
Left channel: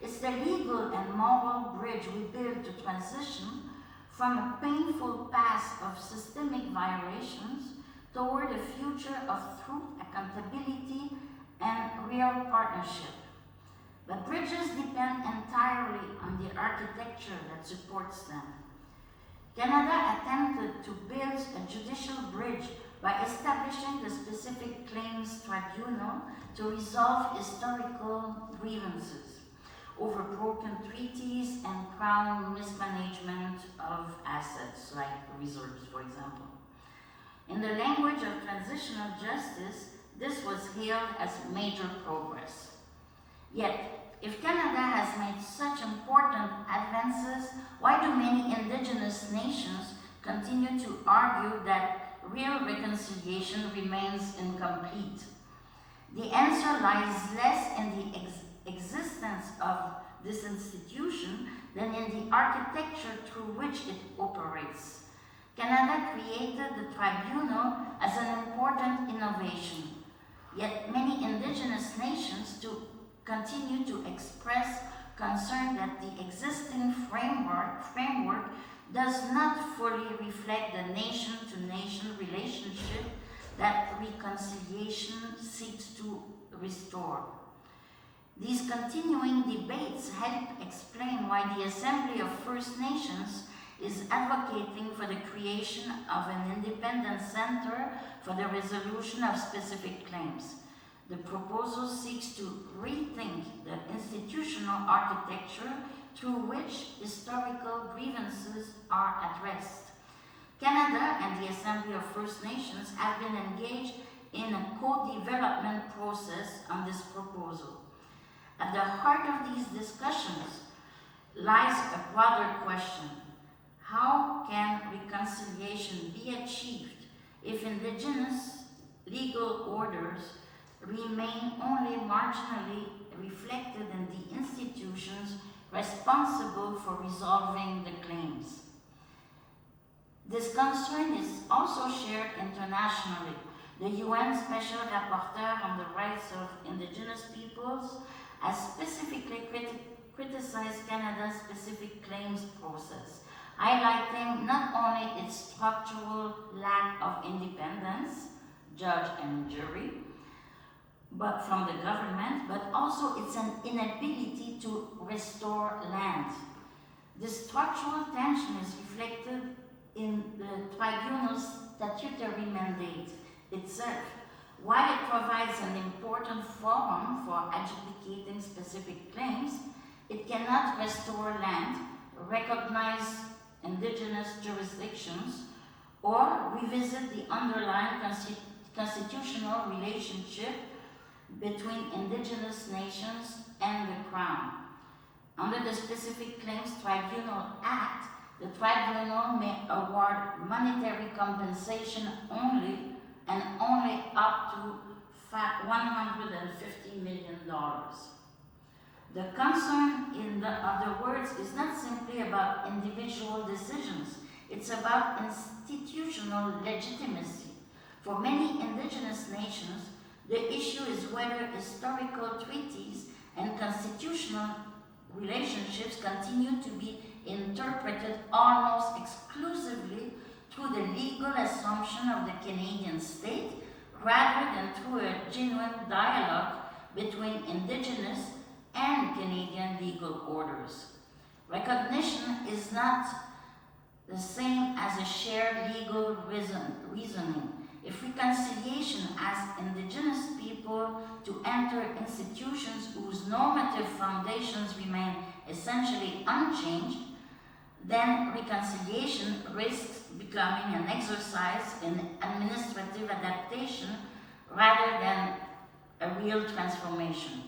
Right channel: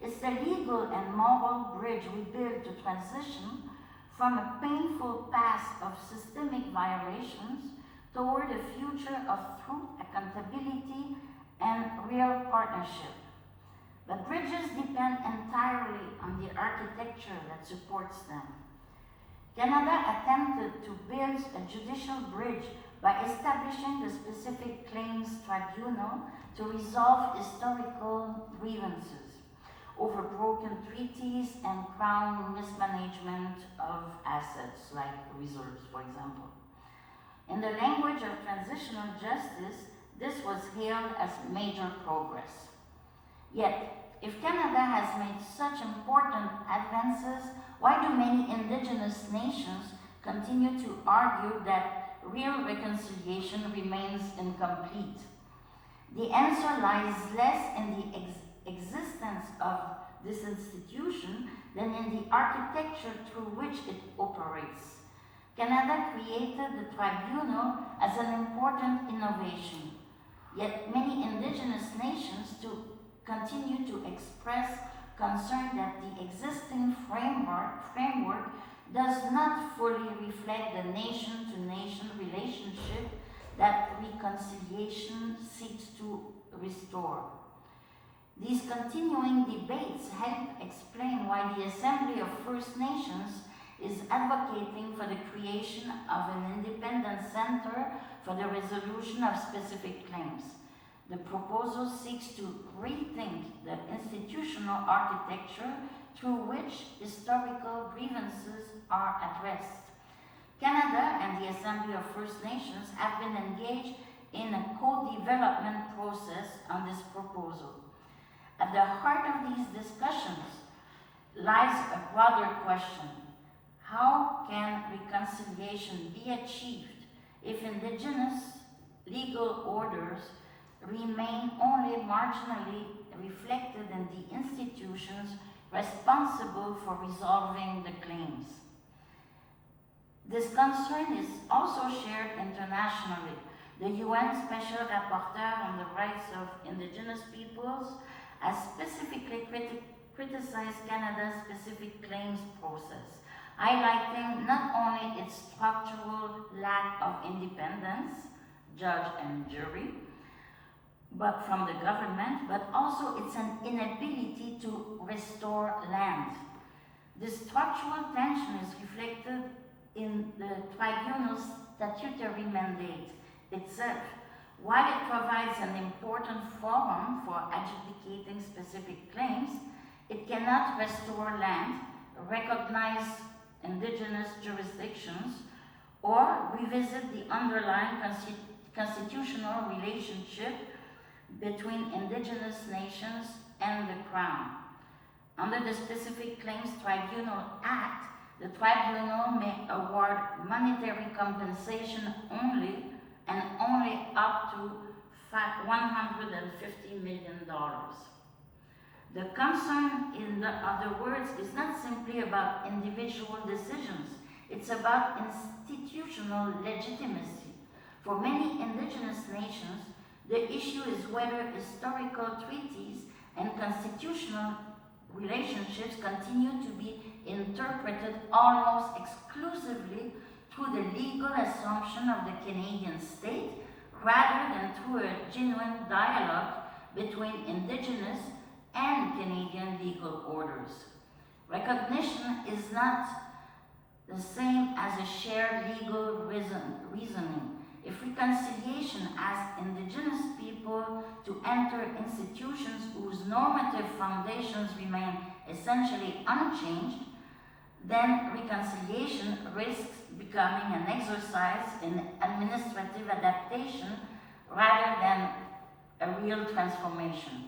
It's the legal and moral bridge we build to transition from a painful past of systemic violations toward a future of truth, accountability, and real partnership. But bridges depend entirely on the architecture that supports them. Canada attempted to build a judicial bridge by establishing the Specific Claims Tribunal to resolve historical grievances over broken treaties and Crown mismanagement of assets, like reserves, for example. In the language of transitional justice, this was hailed as major progress. Yet, if Canada has made such important advances, why do many Indigenous nations continue to argue that real reconciliation remains incomplete? The answer lies less in the existence of this institution than in the architecture through which it operates. Canada created the tribunal as an important innovation, yet many Indigenous nations continue to express concern that the existing framework does not fully reflect the nation-to-nation relationship that reconciliation seeks to restore. These continuing debates help explain why the Assembly of First Nations is advocating for the creation of an independent center for the resolution of specific claims. The proposal seeks to rethink the institutional architecture through which historical grievances are addressed. Canada and the Assembly of First Nations have been engaged in a co-development process on this proposal. At the heart of these discussions lies a broader question. How can reconciliation be achieved if Indigenous legal orders remain only marginally reflected in the institutions responsible for resolving the claims? This concern is also shared internationally. The UN Special Rapporteur on the Rights of Indigenous Peoples has specifically criticized Canada's specific claims process, highlighting not only its structural lack of independence, judge and jury, but from the government, but also it's an inability to restore land. This structural tension is reflected in the tribunal's statutory mandate itself. While it provides an important forum for adjudicating specific claims, it cannot restore land, recognize indigenous jurisdictions, or revisit the underlying constitutional relationship between indigenous nations and the Crown. Under the Specific Claims Tribunal Act, the tribunal may award monetary compensation only and only up to $150 million. The concern, in other words, is not simply about individual decisions, it's about institutional legitimacy. For many indigenous nations, the issue is whether historical treaties and constitutional relationships continue to be interpreted almost exclusively through the legal assumption of the Canadian state, rather than through a genuine dialogue between Indigenous and Canadian legal orders. Recognition is not the same as a shared legal reasoning. If reconciliation asks Indigenous people to enter institutions whose normative foundations remain essentially unchanged, then reconciliation risks becoming an exercise in administrative adaptation rather than a real transformation.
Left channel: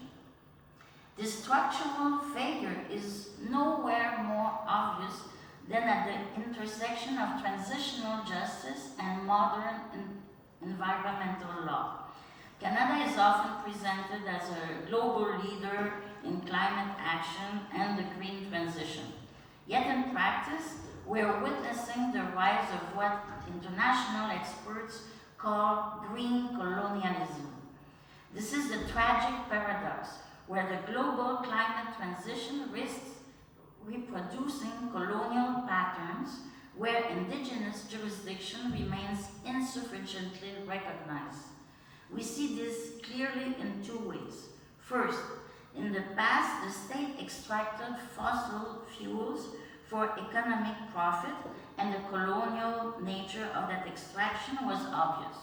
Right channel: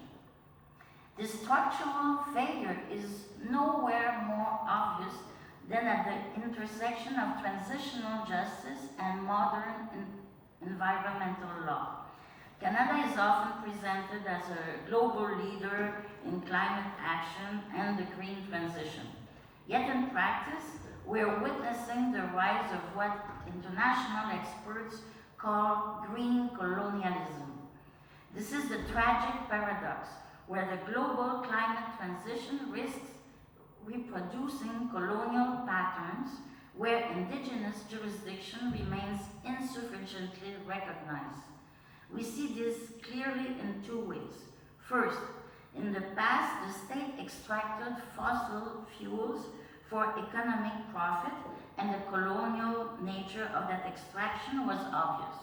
This structural failure is nowhere more obvious than at the intersection of transitional justice and modern environmental law. Canada is often presented as a global leader in climate action and the green transition. Yet in practice, we are witnessing the rise of what international experts call green colonialism. This is the tragic paradox where the global climate transition risks reproducing colonial patterns where Indigenous jurisdiction remains insufficiently recognized. We see this clearly in two ways. First, in the past, the state extracted fossil fuels for economic profit, and the colonial nature of that extraction was obvious.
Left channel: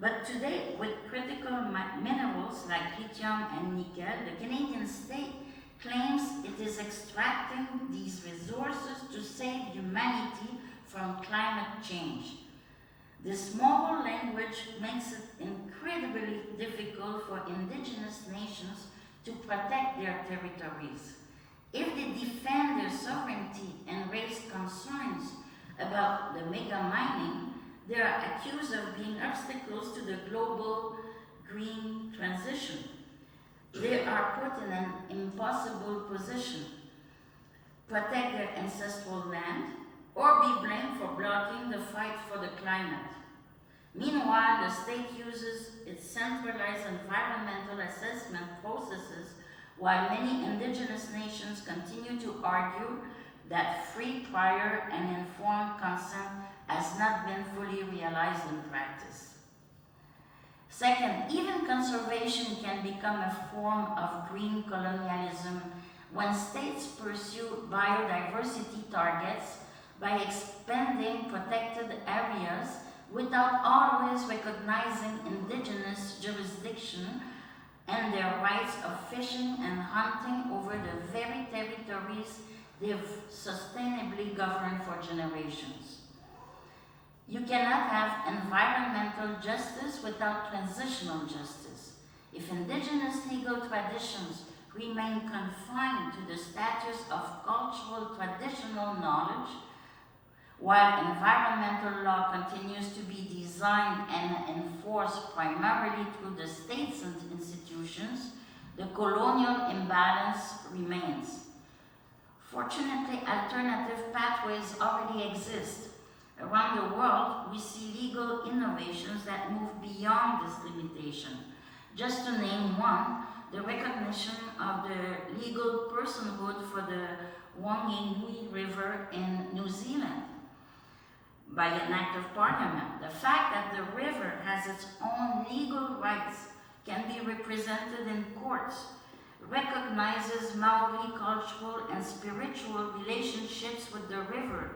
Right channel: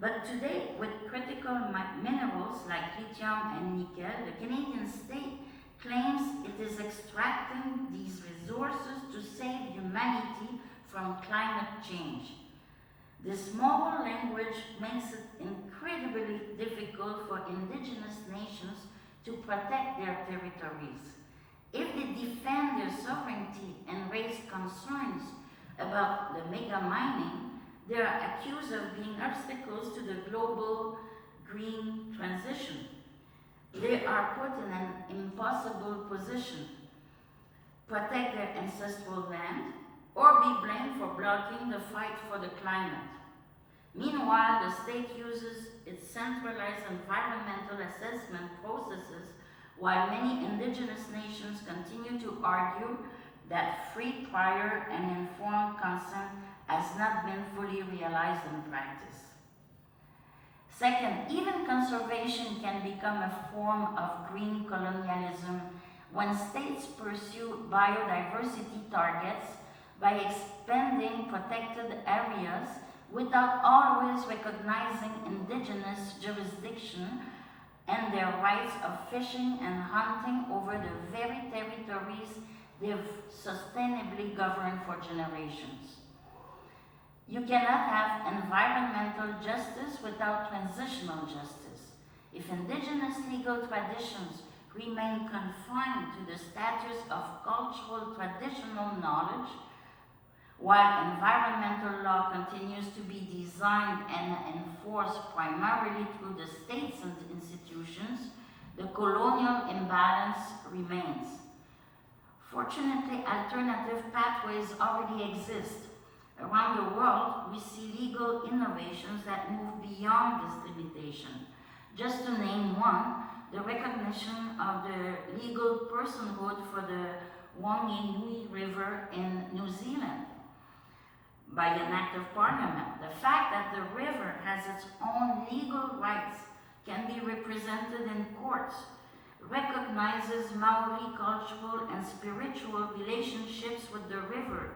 But today, with critical minerals like lithium and nickel, the Canadian state claims it is extracting these resources to save humanity from climate change. This moral language makes it incredibly difficult for Indigenous nations to protect their territories. If they defend their sovereignty and raise concerns about the mega mining, they are accused of being obstacles to the global green transition. They are put in an impossible position: protect their ancestral land or be blamed for blocking the fight for the climate. Meanwhile, the state uses its centralized environmental assessment processes, while many Indigenous nations continue to argue that free, prior, and informed consent has not been fully realized in practice. Second, even conservation can become a form of green colonialism when states pursue biodiversity targets by expanding protected areas without always recognizing Indigenous jurisdiction and their rights of fishing and hunting over the very territories they've sustainably governed for generations. You cannot have environmental justice without transitional justice. If Indigenous legal traditions remain confined to the status of cultural traditional knowledge, while environmental law continues to be designed and enforced primarily through the states and institutions, the colonial imbalance remains. Fortunately, alternative pathways already exist. Around the world, we see legal innovations that move beyond this limitation. Just to name one, the recognition of the legal personhood for the Wanganui River in New Zealand by an act of parliament. The fact that the river has its own legal rights can be represented in courts, recognizes Maori cultural and spiritual relationships with the river,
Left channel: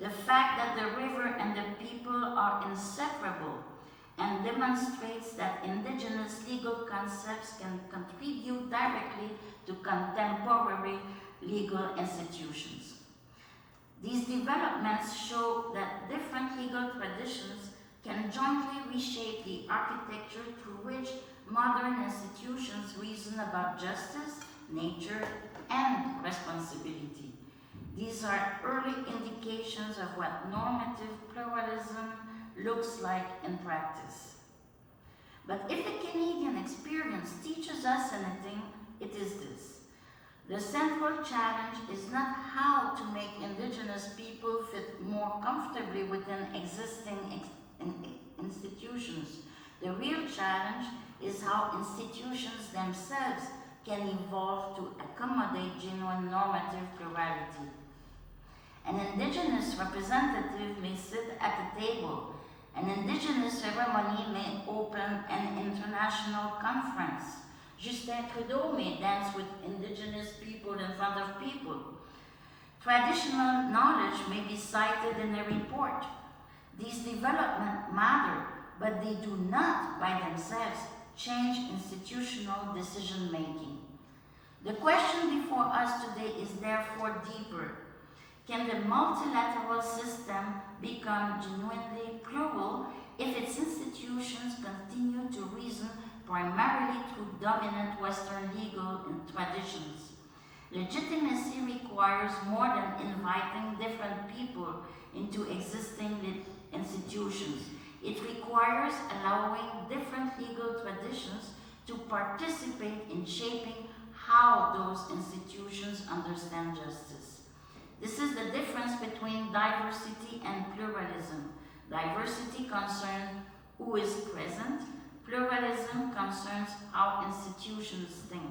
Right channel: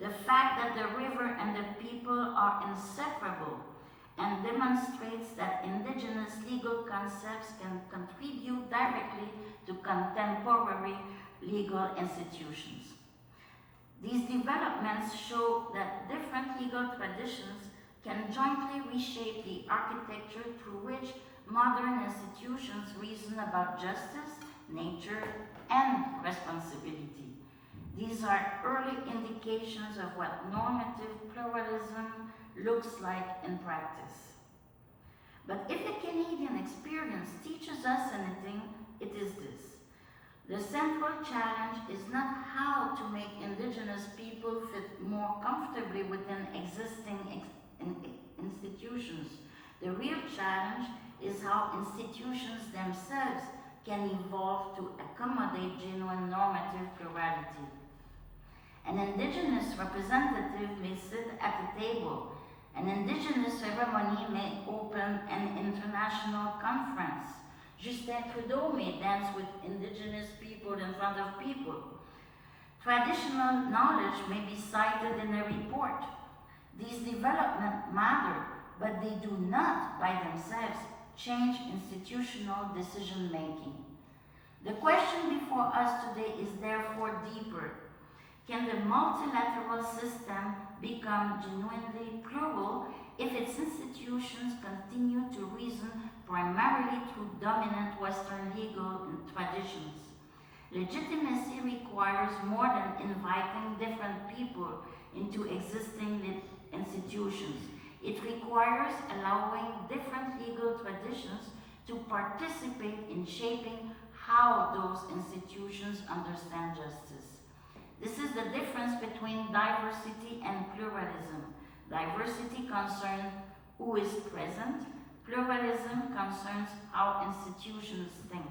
the fact that the river and the people are inseparable, and demonstrates that indigenous legal concepts can contribute directly to contemporary legal institutions. These developments show that different legal traditions can jointly reshape the architecture through which modern institutions reason about justice, nature, and responsibility. These are early indications of what normative pluralism looks like in practice. But if the Canadian experience teaches us anything, it is this. The central challenge is not how to make Indigenous people fit more comfortably within existing institutions. The real challenge is how institutions themselves can evolve to accommodate genuine normative plurality. An Indigenous representative may sit at a table. An Indigenous ceremony may open an international conference. Justin Trudeau may dance with Indigenous people in front of people. Traditional knowledge may be cited in a report. These developments matter, but they do not, by themselves, change institutional decision-making. The question before us today is therefore deeper. Can the multilateral system become genuinely plural if its institutions continue to reason primarily through dominant Western legal traditions? Legitimacy requires more than inviting different people into existing institutions. It requires allowing different legal traditions to participate in shaping how those institutions understand justice. This is the difference between diversity and pluralism. Diversity concerns who is present. Pluralism concerns how institutions think.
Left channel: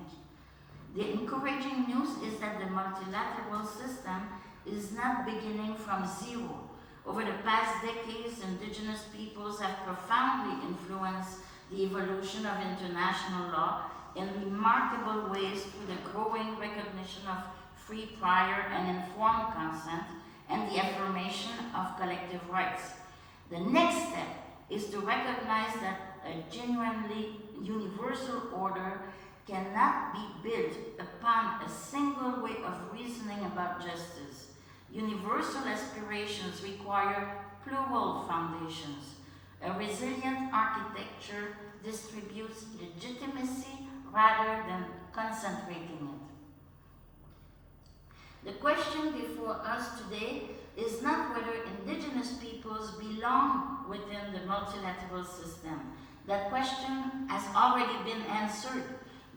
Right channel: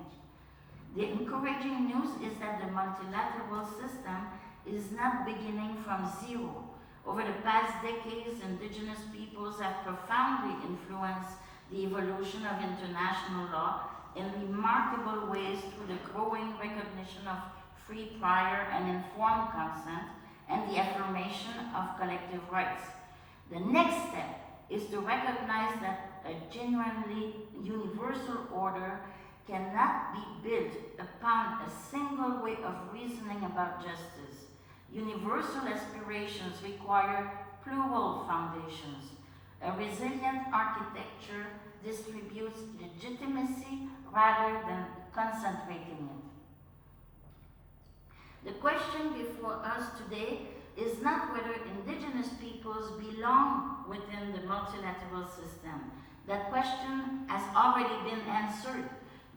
The encouraging news is that the multilateral system is not beginning from zero. Over the past decades, Indigenous peoples have profoundly influenced the evolution of international law in remarkable ways through the growing recognition of free, prior, and informed consent and the affirmation of collective rights. The next step is to recognize that a genuinely universal order cannot be built upon a single way of reasoning about justice. Universal aspirations require plural foundations. A resilient architecture distributes legitimacy rather than concentrating it. The question before us today is not whether Indigenous peoples belong within the multilateral system. That question has already been answered.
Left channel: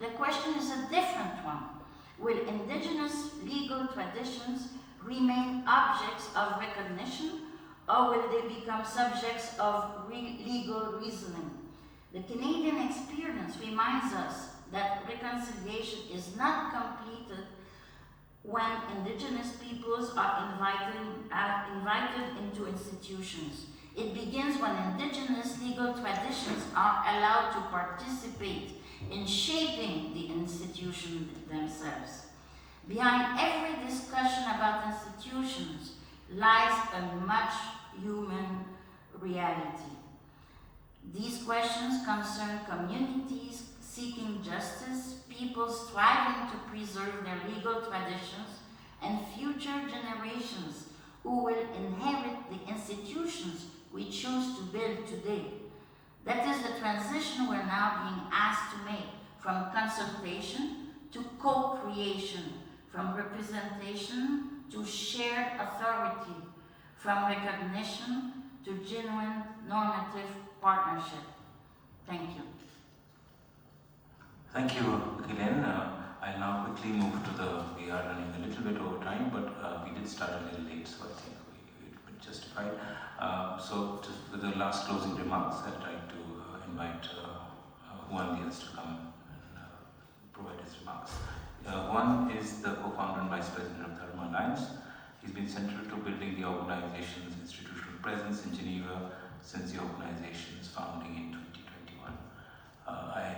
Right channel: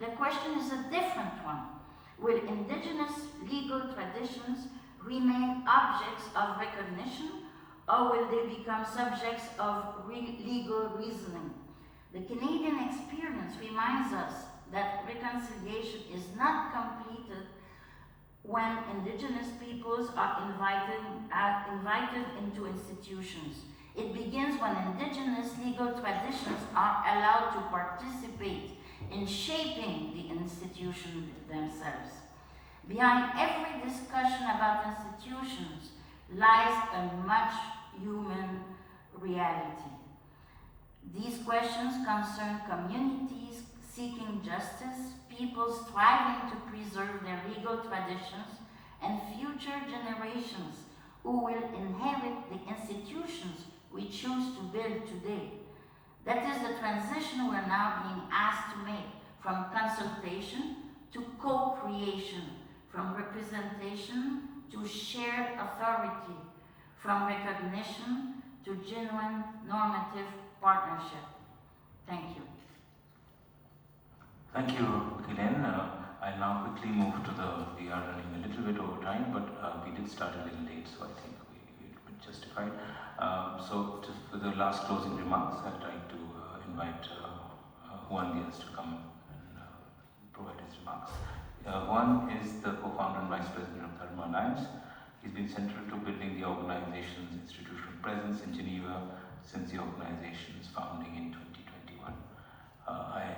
The question is a different one. Will Indigenous legal traditions remain objects of recognition, or will they become subjects of legal reasoning? The Canadian experience reminds us that reconciliation is not completed when Indigenous peoples are invited into institutions. It begins when Indigenous legal traditions are allowed to participate in shaping the institutions themselves. Behind every discussion about institutions lies a much human reality. These questions concern communities seeking justice, people striving to preserve their legal traditions, and future generations who will inherit the institutions we choose to build today. That is the transition we're now being asked to make, from consultation to co-creation, from representation to shared authority, from recognition to genuine normative partnership. Thank you. Thank you, Guylaine. I'll now quickly move to we are running a little bit over time, but we did start a little late, so I think it would justify. For the last closing remarks, I'd like to invite Juan Diaz to come and provide his remarks. Juan is the co-founder and vice president of Dharma Alliance. He's been central to building the organization's institutional presence in Geneva since the organization's founding in 2021. I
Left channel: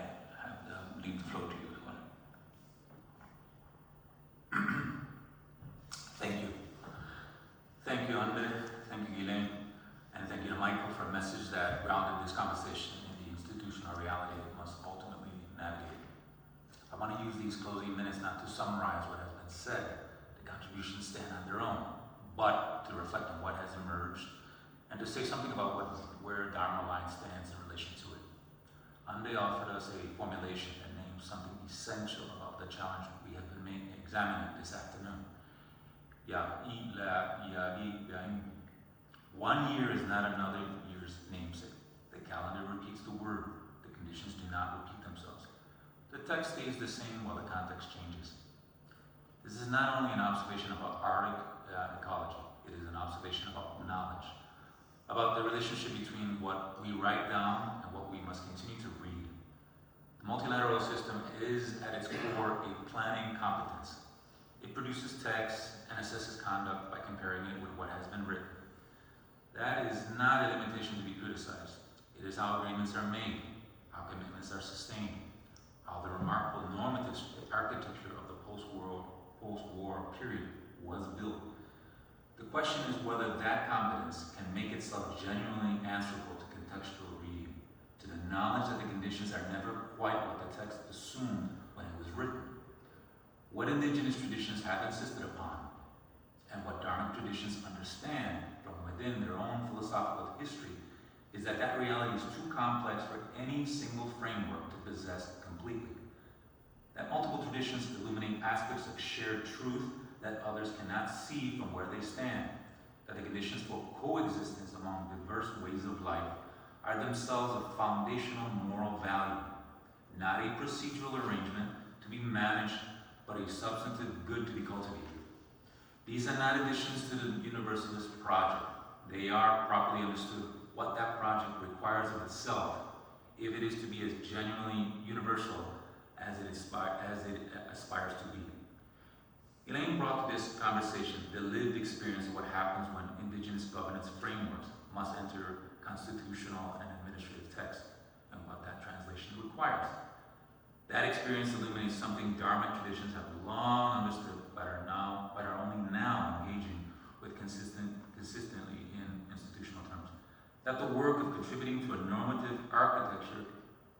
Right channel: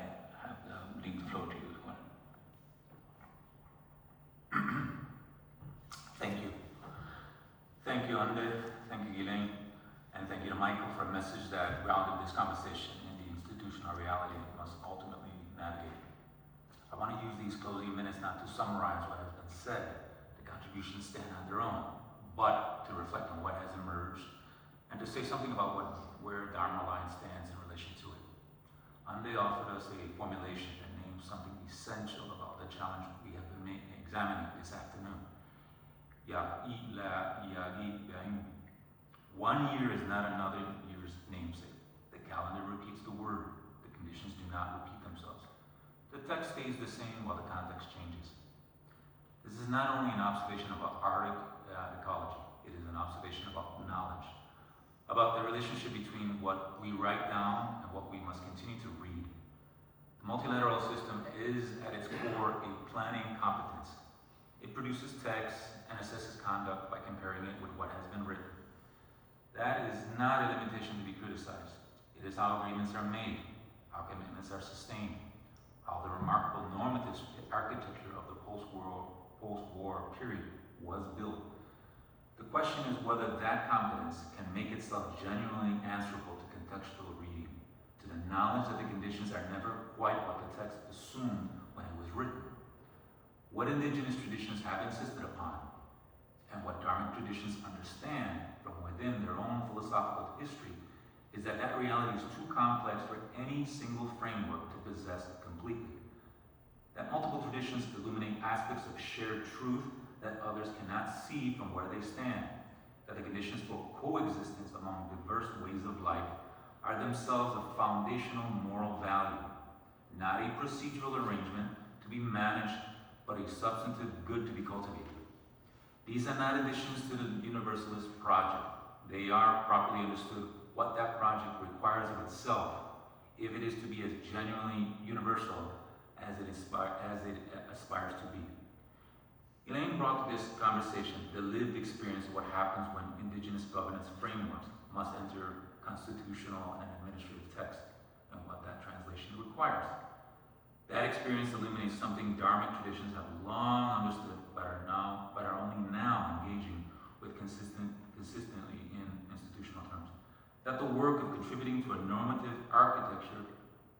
thank you, Undiv, thank you, Guylaine, and thank you to Michael for a message that grounded this conversation in the institutional reality it must ultimately navigate. I want to use these closing minutes not to summarize what has been said, the contributions stand on their own, but to reflect on what has emerged and to say something about where Dharma line stands in relation to it. Ande offered us a formulation that names something essential about the challenge we have been examining this afternoon. 1 year is not another year's namesake. The calendar repeats the word. The conditions do not repeat themselves. The text stays the same while the context changes. This is not only an observation about Arctic ecology, it is an observation about knowledge, about the relationship between what we write down and what we must continue to read. The multilateral system is, at its core, a planning competence. It produces text and assesses conduct by comparing it with what has been written. That is not a limitation to be criticized. It is how agreements are made, how commitments are sustained, how the remarkable normative architecture of the post-war period was built. The question is whether that competence can make itself genuinely answerable to contextual reading, to the knowledge that the conditions are never quite what the text assumed when it was written. What indigenous traditions have insisted upon, and what Dharmic traditions understand from within their own philosophical history, is that that reality is too complex for any single framework to possess completely. That multiple traditions illuminate aspects of shared truth that others cannot see from where they stand. That the conditions for coexistence among diverse ways of life are themselves a foundational moral value, not a procedural arrangement to be managed, but a substantive good to be cultivated. These are not additions to the universalist project. They are, properly understood, what that project requires of itself, if it is to be as genuinely universal as it aspires to be. Guylaine brought to this conversation the lived experience of what happens when indigenous governance frameworks must enter constitutional and administrative text, and what that translation requires. That experience illuminates something Dharmic traditions have long understood, but are only now engaging with consistently in institutional terms. That the work of contributing to a normative architecture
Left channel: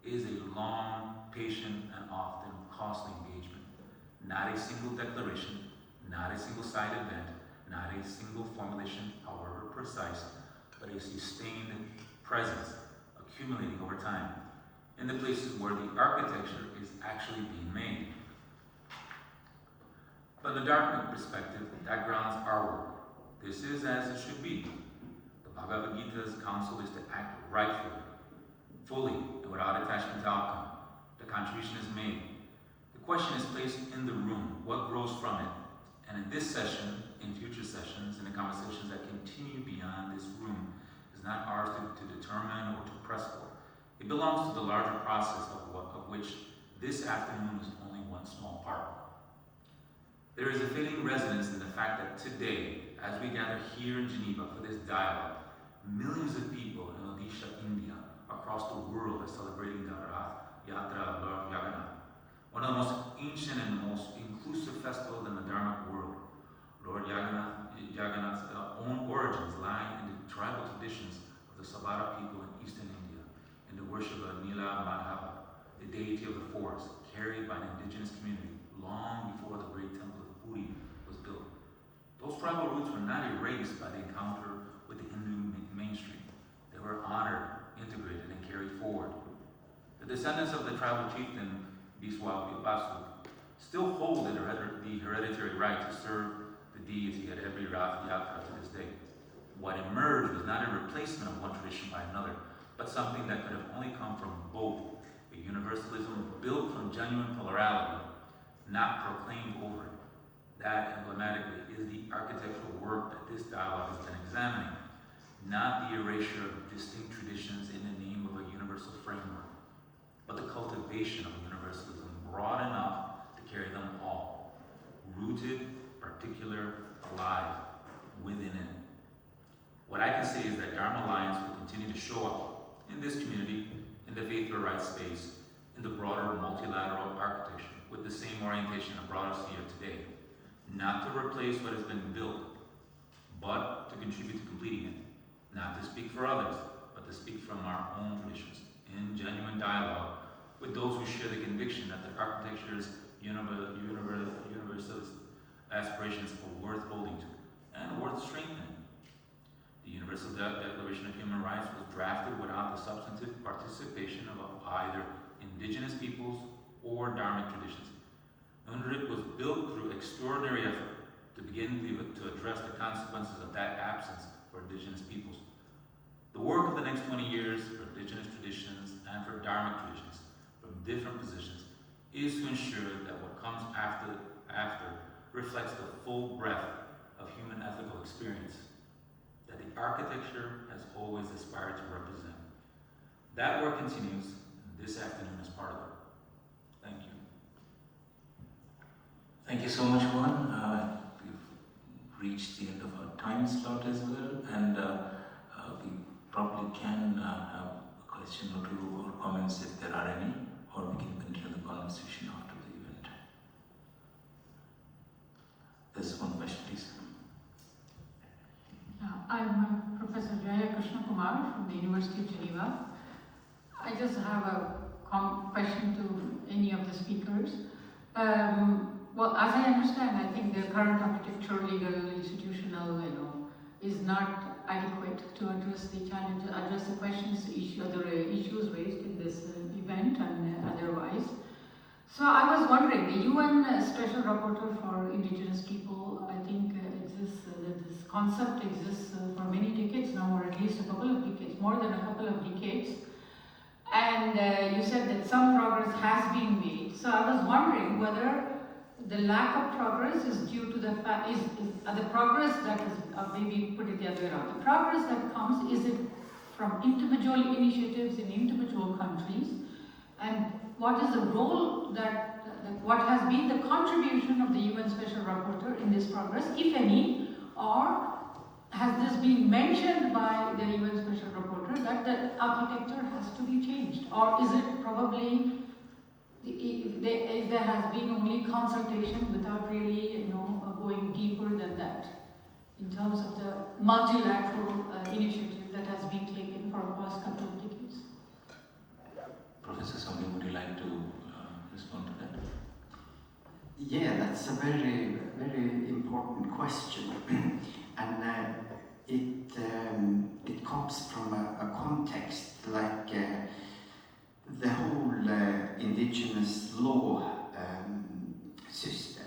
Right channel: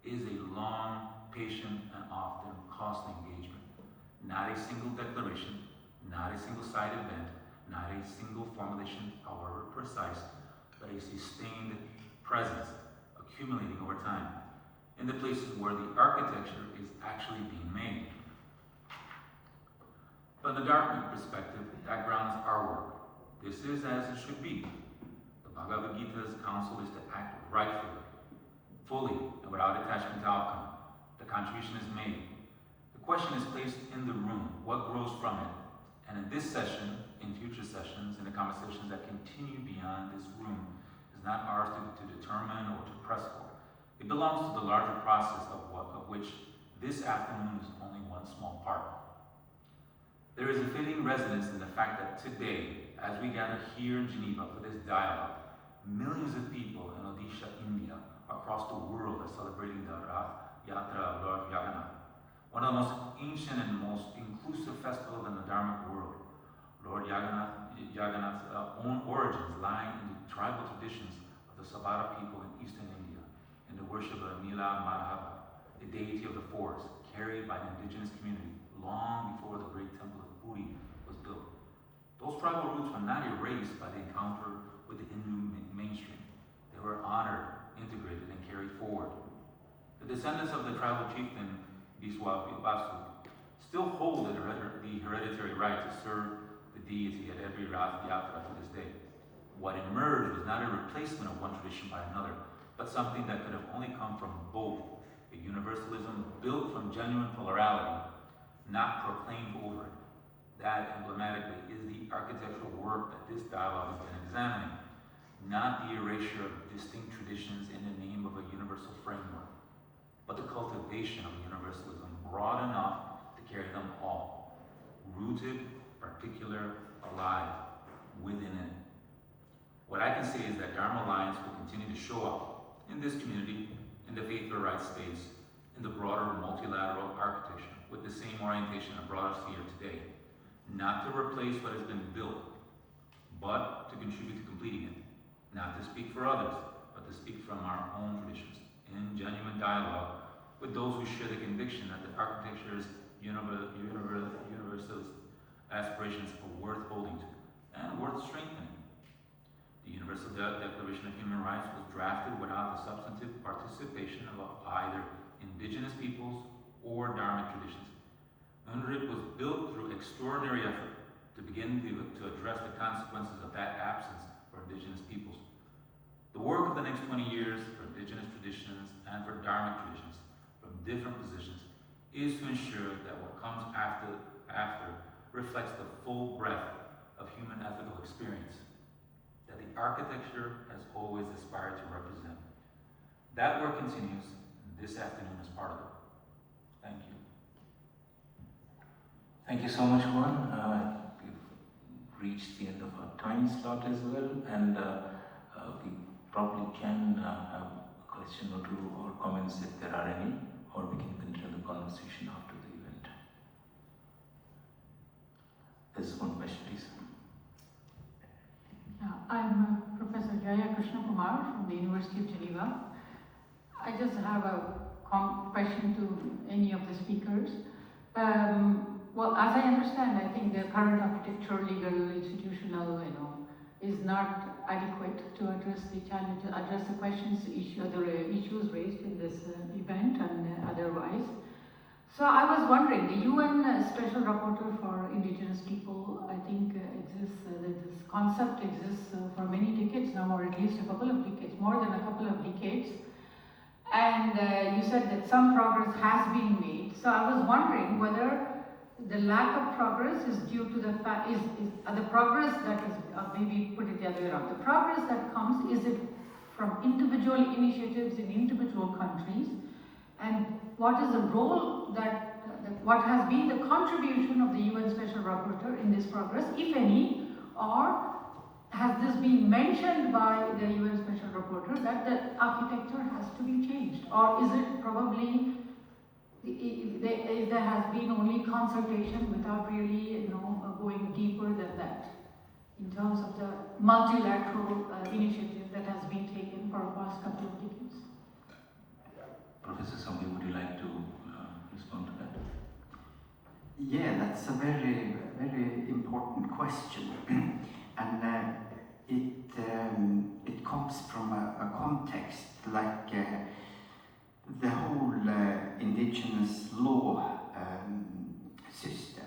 is a long, patient, and often costly engagement. Not a single declaration, not a single side event, not a single formulation, however precise, but a sustained presence accumulating over time in the places where the architecture is actually being made. From the Dharmic perspective, that grounds our work. This is as it should be. The Bhagavad Gita's counsel is to act rightfully, fully, and without attachment to outcome. The contribution is made. The question is placed in the room, what grows from it? And in this session, in future sessions, in the conversations that continue beyond this room, is not ours to determine or to press for. It belongs to the larger process of which this afternoon is only one small part. There is a fitting resonance in the fact that today, as we gather here in Geneva for this dialogue, millions of people in Odisha, India, across the world are celebrating the Rath Yatra of Lord Jagannath, one of the most ancient and most inclusive festivals in the Dharmic world. Lord Jagannath's own origins lie in the tribal traditions of the Sabara people in eastern India, in the worship of Mila Madhava, the deity of the forest, carried by the indigenous community long before the great temple of Puri was built. Those tribal roots were not erased by the encounter with the Hindu mainstream. They were honored, integrated, and carried forward. The descendants of the tribal chieftain Biswa Basu still hold the hereditary right to serve the deity at every Rath Yatra to this day. What emerged was not a replacement of one tradition by another, but something that could have only come from both. A universalism built from genuine plurality, not proclaimed over it. That, emblematically, is the architectural work that this dialogue has been examining, not the erasure of distinct traditions in the name of a universal framework, but the cultivation of a universalism broad enough to carry them all, rooted, particular, alive, within it. What I can say is that Dharma lines will continue to show up in this community, in the faith for rights space, in the broader multilateral architecture, with the same orientation that brought us here today. Not to replace what has been built, but to contribute to completing it, not to speak for others, but to speak from our own traditions, in genuine dialogue with those who share the conviction that the architecture's universalist aspirations are worth holding to and worth strengthening. The Universal Declaration of Human Rights was drafted without the substantive participation of either indigenous peoples or Dharmic traditions. UNDRIP was built through extraordinary effort to begin to address the consequences of that absence for indigenous peoples. The work of the next 20 years for indigenous traditions and for Dharmic traditions from different positions is to ensure that what comes after reflects the full breadth of human ethical experience that the architecture has always aspired to represent. That work continues, and this afternoon is part of it. Thank you. Thank you so much, Juan. We've reached the end of our time slot as well, and we probably can have a question or two or comments if there are any, or we can continue the conversation after the event. There's one question, please. I'm Professor Jaya Krishna Kumar from the University of Geneva. I just have a question to any of the speakers. Well, as I understand, I think the current architecture, legal, institutional, is not adequate to address the challenges, address the questions, other issues raised in this event and otherwise. So I was wondering, the UN Special Rapporteur for Indigenous People, I think exists, this concept exists for many decades now, or at least a couple of decades, more than a couple of decades. And you said that some progress has been made. So I was wondering whether the lack of progress is due to the fact, the progress that is, maybe put it the other way around, the progress that comes, is it from individual initiatives in individual countries? And what is the role that, what has been the contribution of the UN Special Rapporteur in this progress, if any, or has this been mentioned by the UN Special Rapporteur that the architecture has to be changed? Or is it probably, there has been only consultation without really, going deeper than that, in terms of the multilateral initiative that has been taken for the past couple of decades? Professor Soumi, would you like to respond to that? Yeah, that's a very, very important question. And it comes from a context like the whole indigenous law system.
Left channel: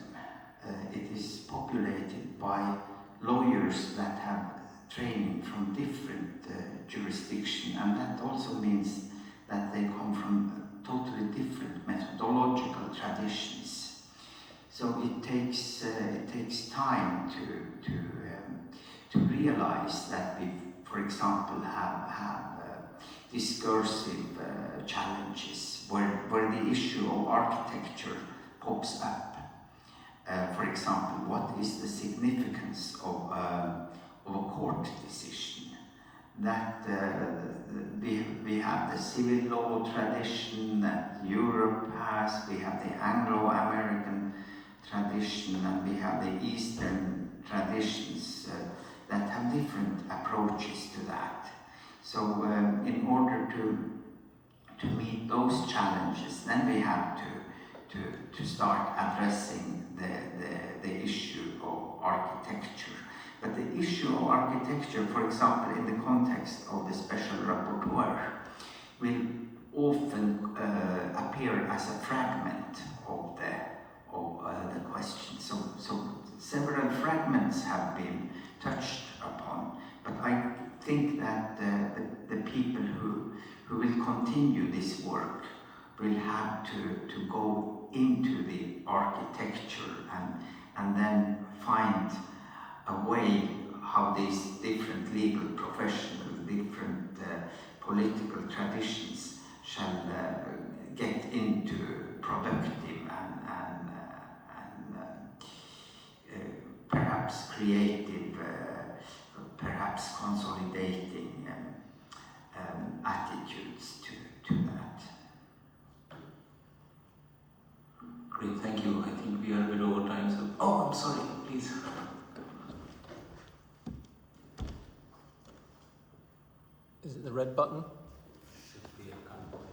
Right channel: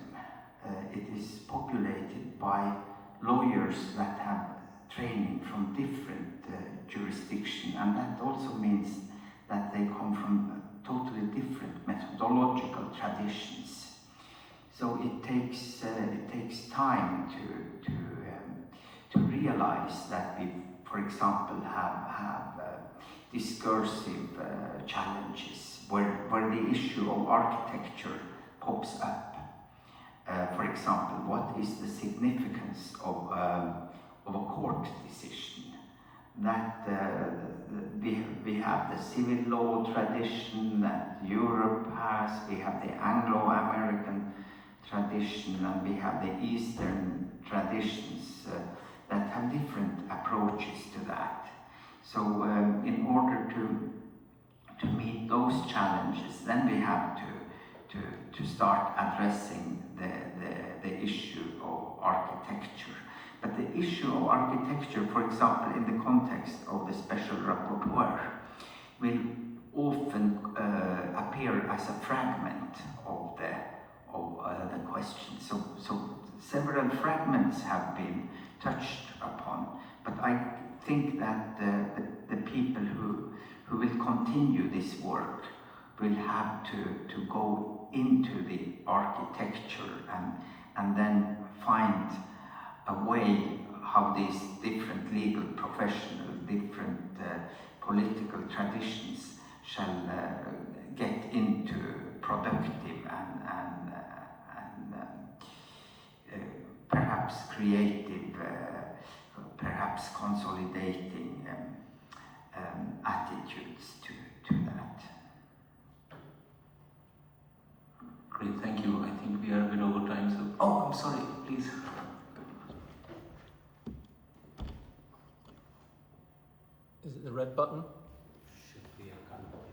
It is populated by lawyers that have training from different jurisdictions, and that also means that they come from totally different methodological traditions. So it takes time to realize that we, for example, have discursive challenges where the issue of architecture pops up. For example, what is the significance of a court decision? That we have the civil law tradition that Europe has, we have the Anglo-American tradition, and we have the Eastern traditions that have different approaches to that. So in order to meet those challenges, then we have to start addressing the issue of architecture. But the issue of architecture, for example, in the context of the Special Rapporteur, will often appear as a fragment of the question. So several fragments have been touched upon, but I think that the people who will continue this work will have to go into the architecture and then find a way how these different legal professional, different political traditions shall get into productive and perhaps creative, perhaps consolidating attitudes to that. Great, thank you. I think we are a bit over time, so... Oh, I'm sorry, please. button? Should be a convoy.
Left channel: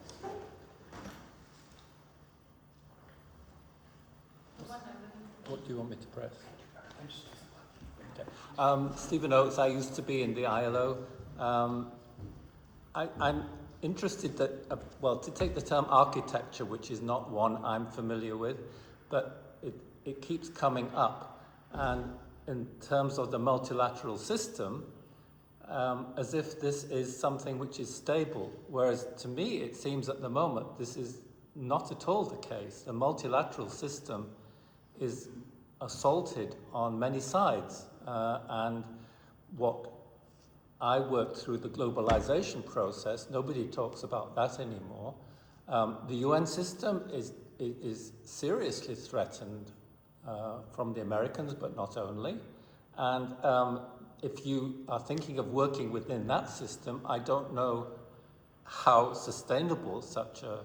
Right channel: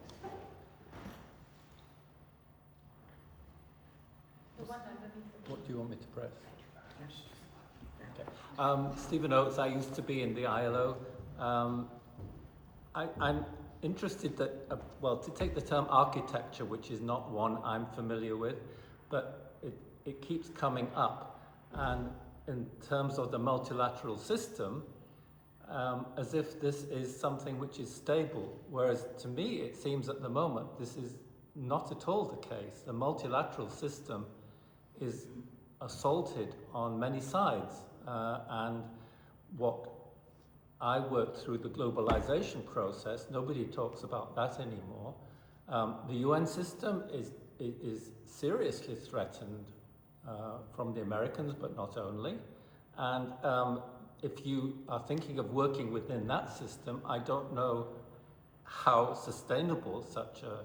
What do you want me to press? Okay. Stephen Oates, I used to be in the ILO. I'm interested that, well, to take the term architecture, which is not one I'm familiar with, but it keeps coming up. And in terms of the multilateral system, as if this is something which is stable, whereas to me it seems at the moment this is not at all the case. The multilateral system is assaulted on many sides, and what I worked through the globalization process, nobody talks about that anymore. The UN system is seriously threatened from the Americans, but not only. And if you are thinking of working within that system, I don't know how sustainable such a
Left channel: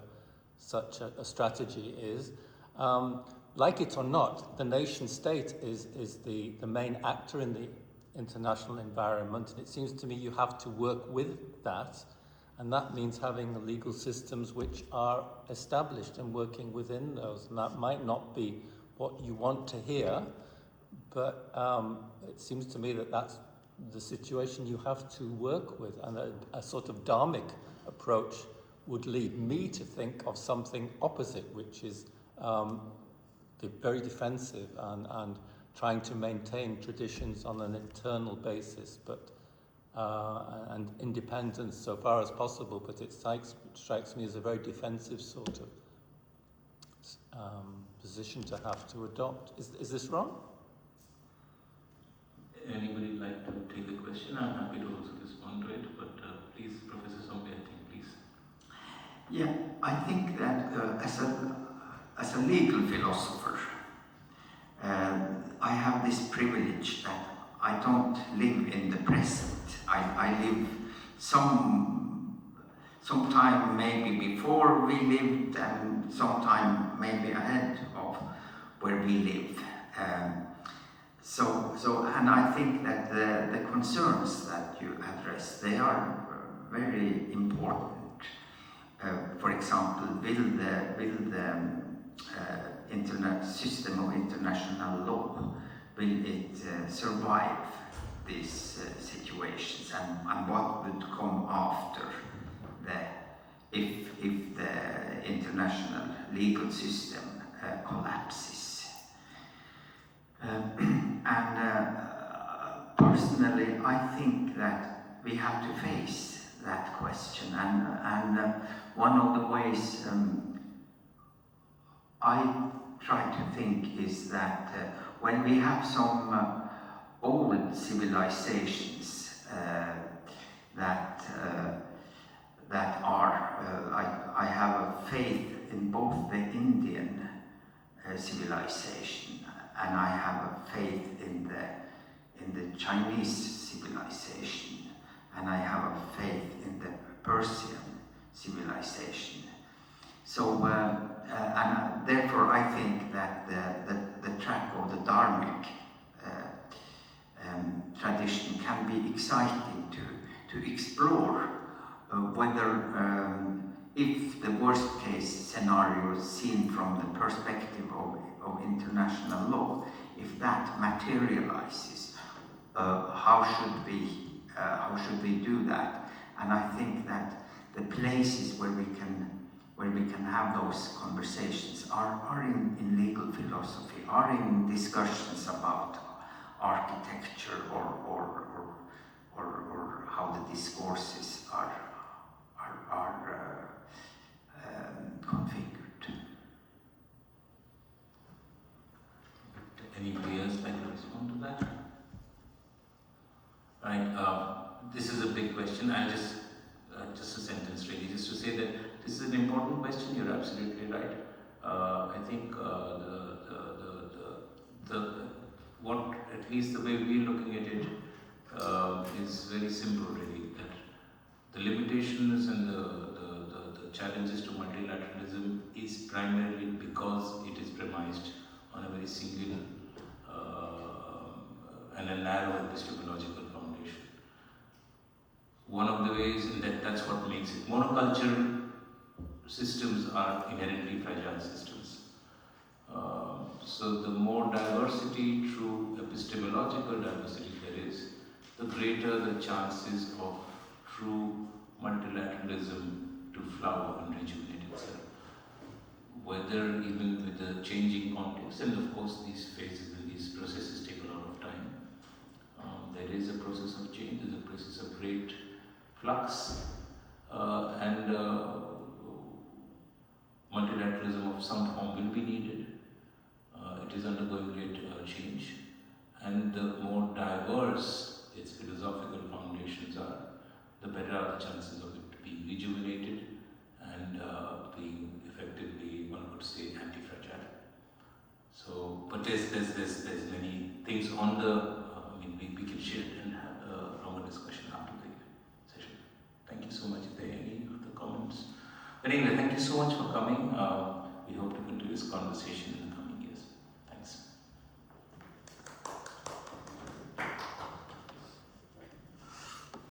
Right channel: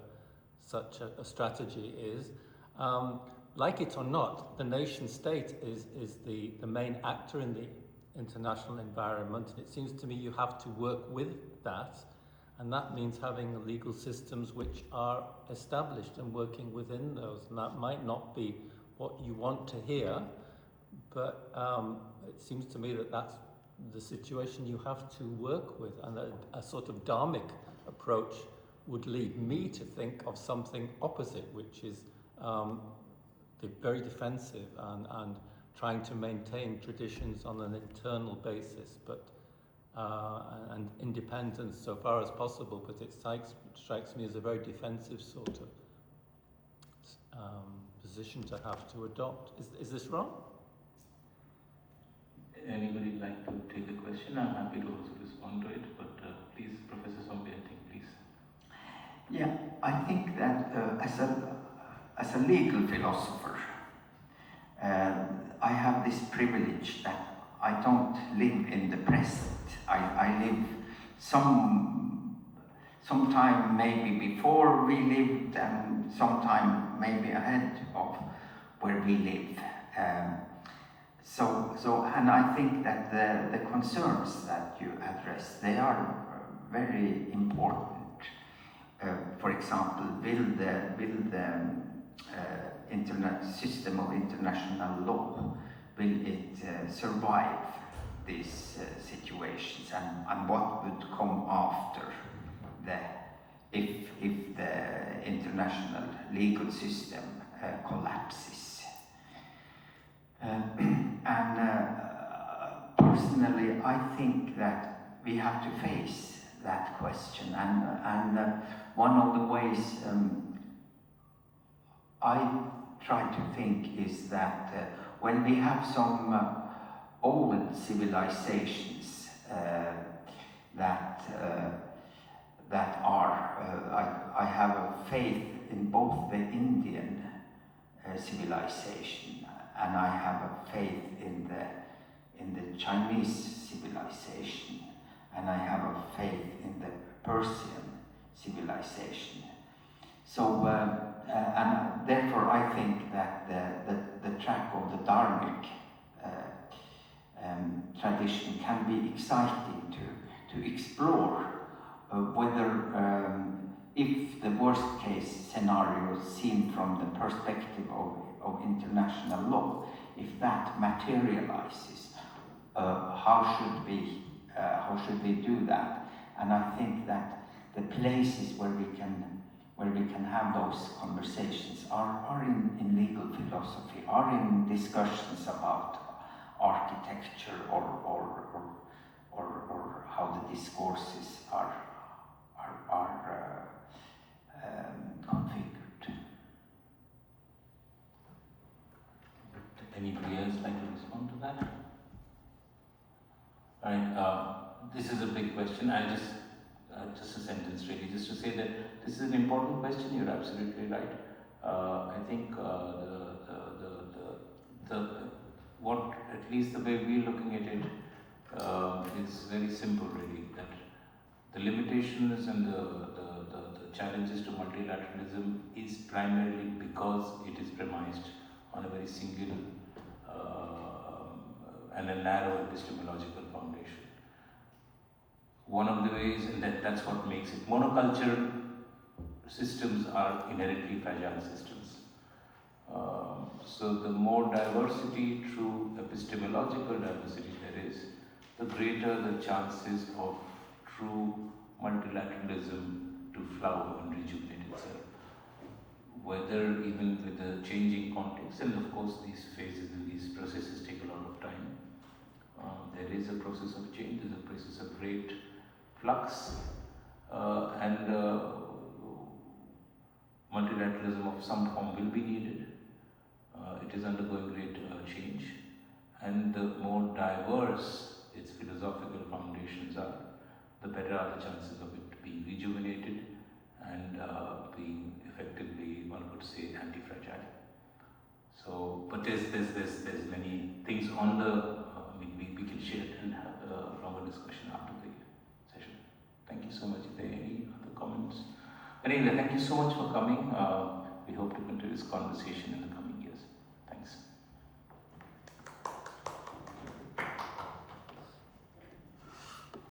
strategy is. Like it or not, the nation state is the main actor in the international environment, and it seems to me you have to work with that, and that means having legal systems which are established and working within those. And that might not be what you want to hear, but it seems to me that that's the situation you have to work with, and a sort of Dharmic approach would lead me to think of something opposite, which is very defensive and trying to maintain traditions on an internal basis, but and independence so far as possible. But it strikes me as a very defensive sort of position to have to adopt. Is this wrong? Anybody like to take the question? I'm happy to also respond to it, but please, Professor Sombiati, please. Yeah, I think that as a legal philosopher, I have this privilege that I don't live in the present. I live sometime maybe before we lived, and sometime maybe ahead of where we live. And I think that the concerns that you address, they are very important. For example, will the system of international law, will it survive these situations, and what would come after if the international legal system collapses? Personally, I think that we have to face that question, and one of the ways I try to think is that when we have some old civilizations that are, I have a faith in both the Indian civilization, and I have a faith in the Chinese civilization, and I have a faith in the Persian civilization. So, and therefore I think that the track of the Dharmic tradition can be exciting to explore whether if the worst case scenario seen from the perspective of international law, if that materializes, how should we do that? And I think that the places where we can have those conversations are in legal philosophy, are in discussions about architecture or how the discourses are configured. Anybody else like to respond to that? Right. This is a big question. I'll just a sentence really, just to say that this is an important question. You're absolutely right. I think what, at least the way we're looking at it, is very simple really. That the limitations and the challenges to multilateralism is primarily because it is premised on a very single and a narrow epistemological foundation. one of the ways, and that's what makes it. Monoculture systems are inherently fragile systems. So the more diversity through epistemological diversity there is, the greater the chances of true multilateralism to flower and rejuvenate itself. Whether even with the changing context, and of course these phases and these processes take a lot of time. There is a process of change, there's a process of great flux, and multilateralism of some form will be needed. It is undergoing great change, and the more diverse its philosophical foundations are, the better are the chances of it being rejuvenated and being effectively, one could say, anti-fragile. So, but there's many things on the. We can share it and have a longer discussion after the session. Thank you so much. Is there any other comments? But anyway, thank you so much for coming. We hope to continue this conversation in the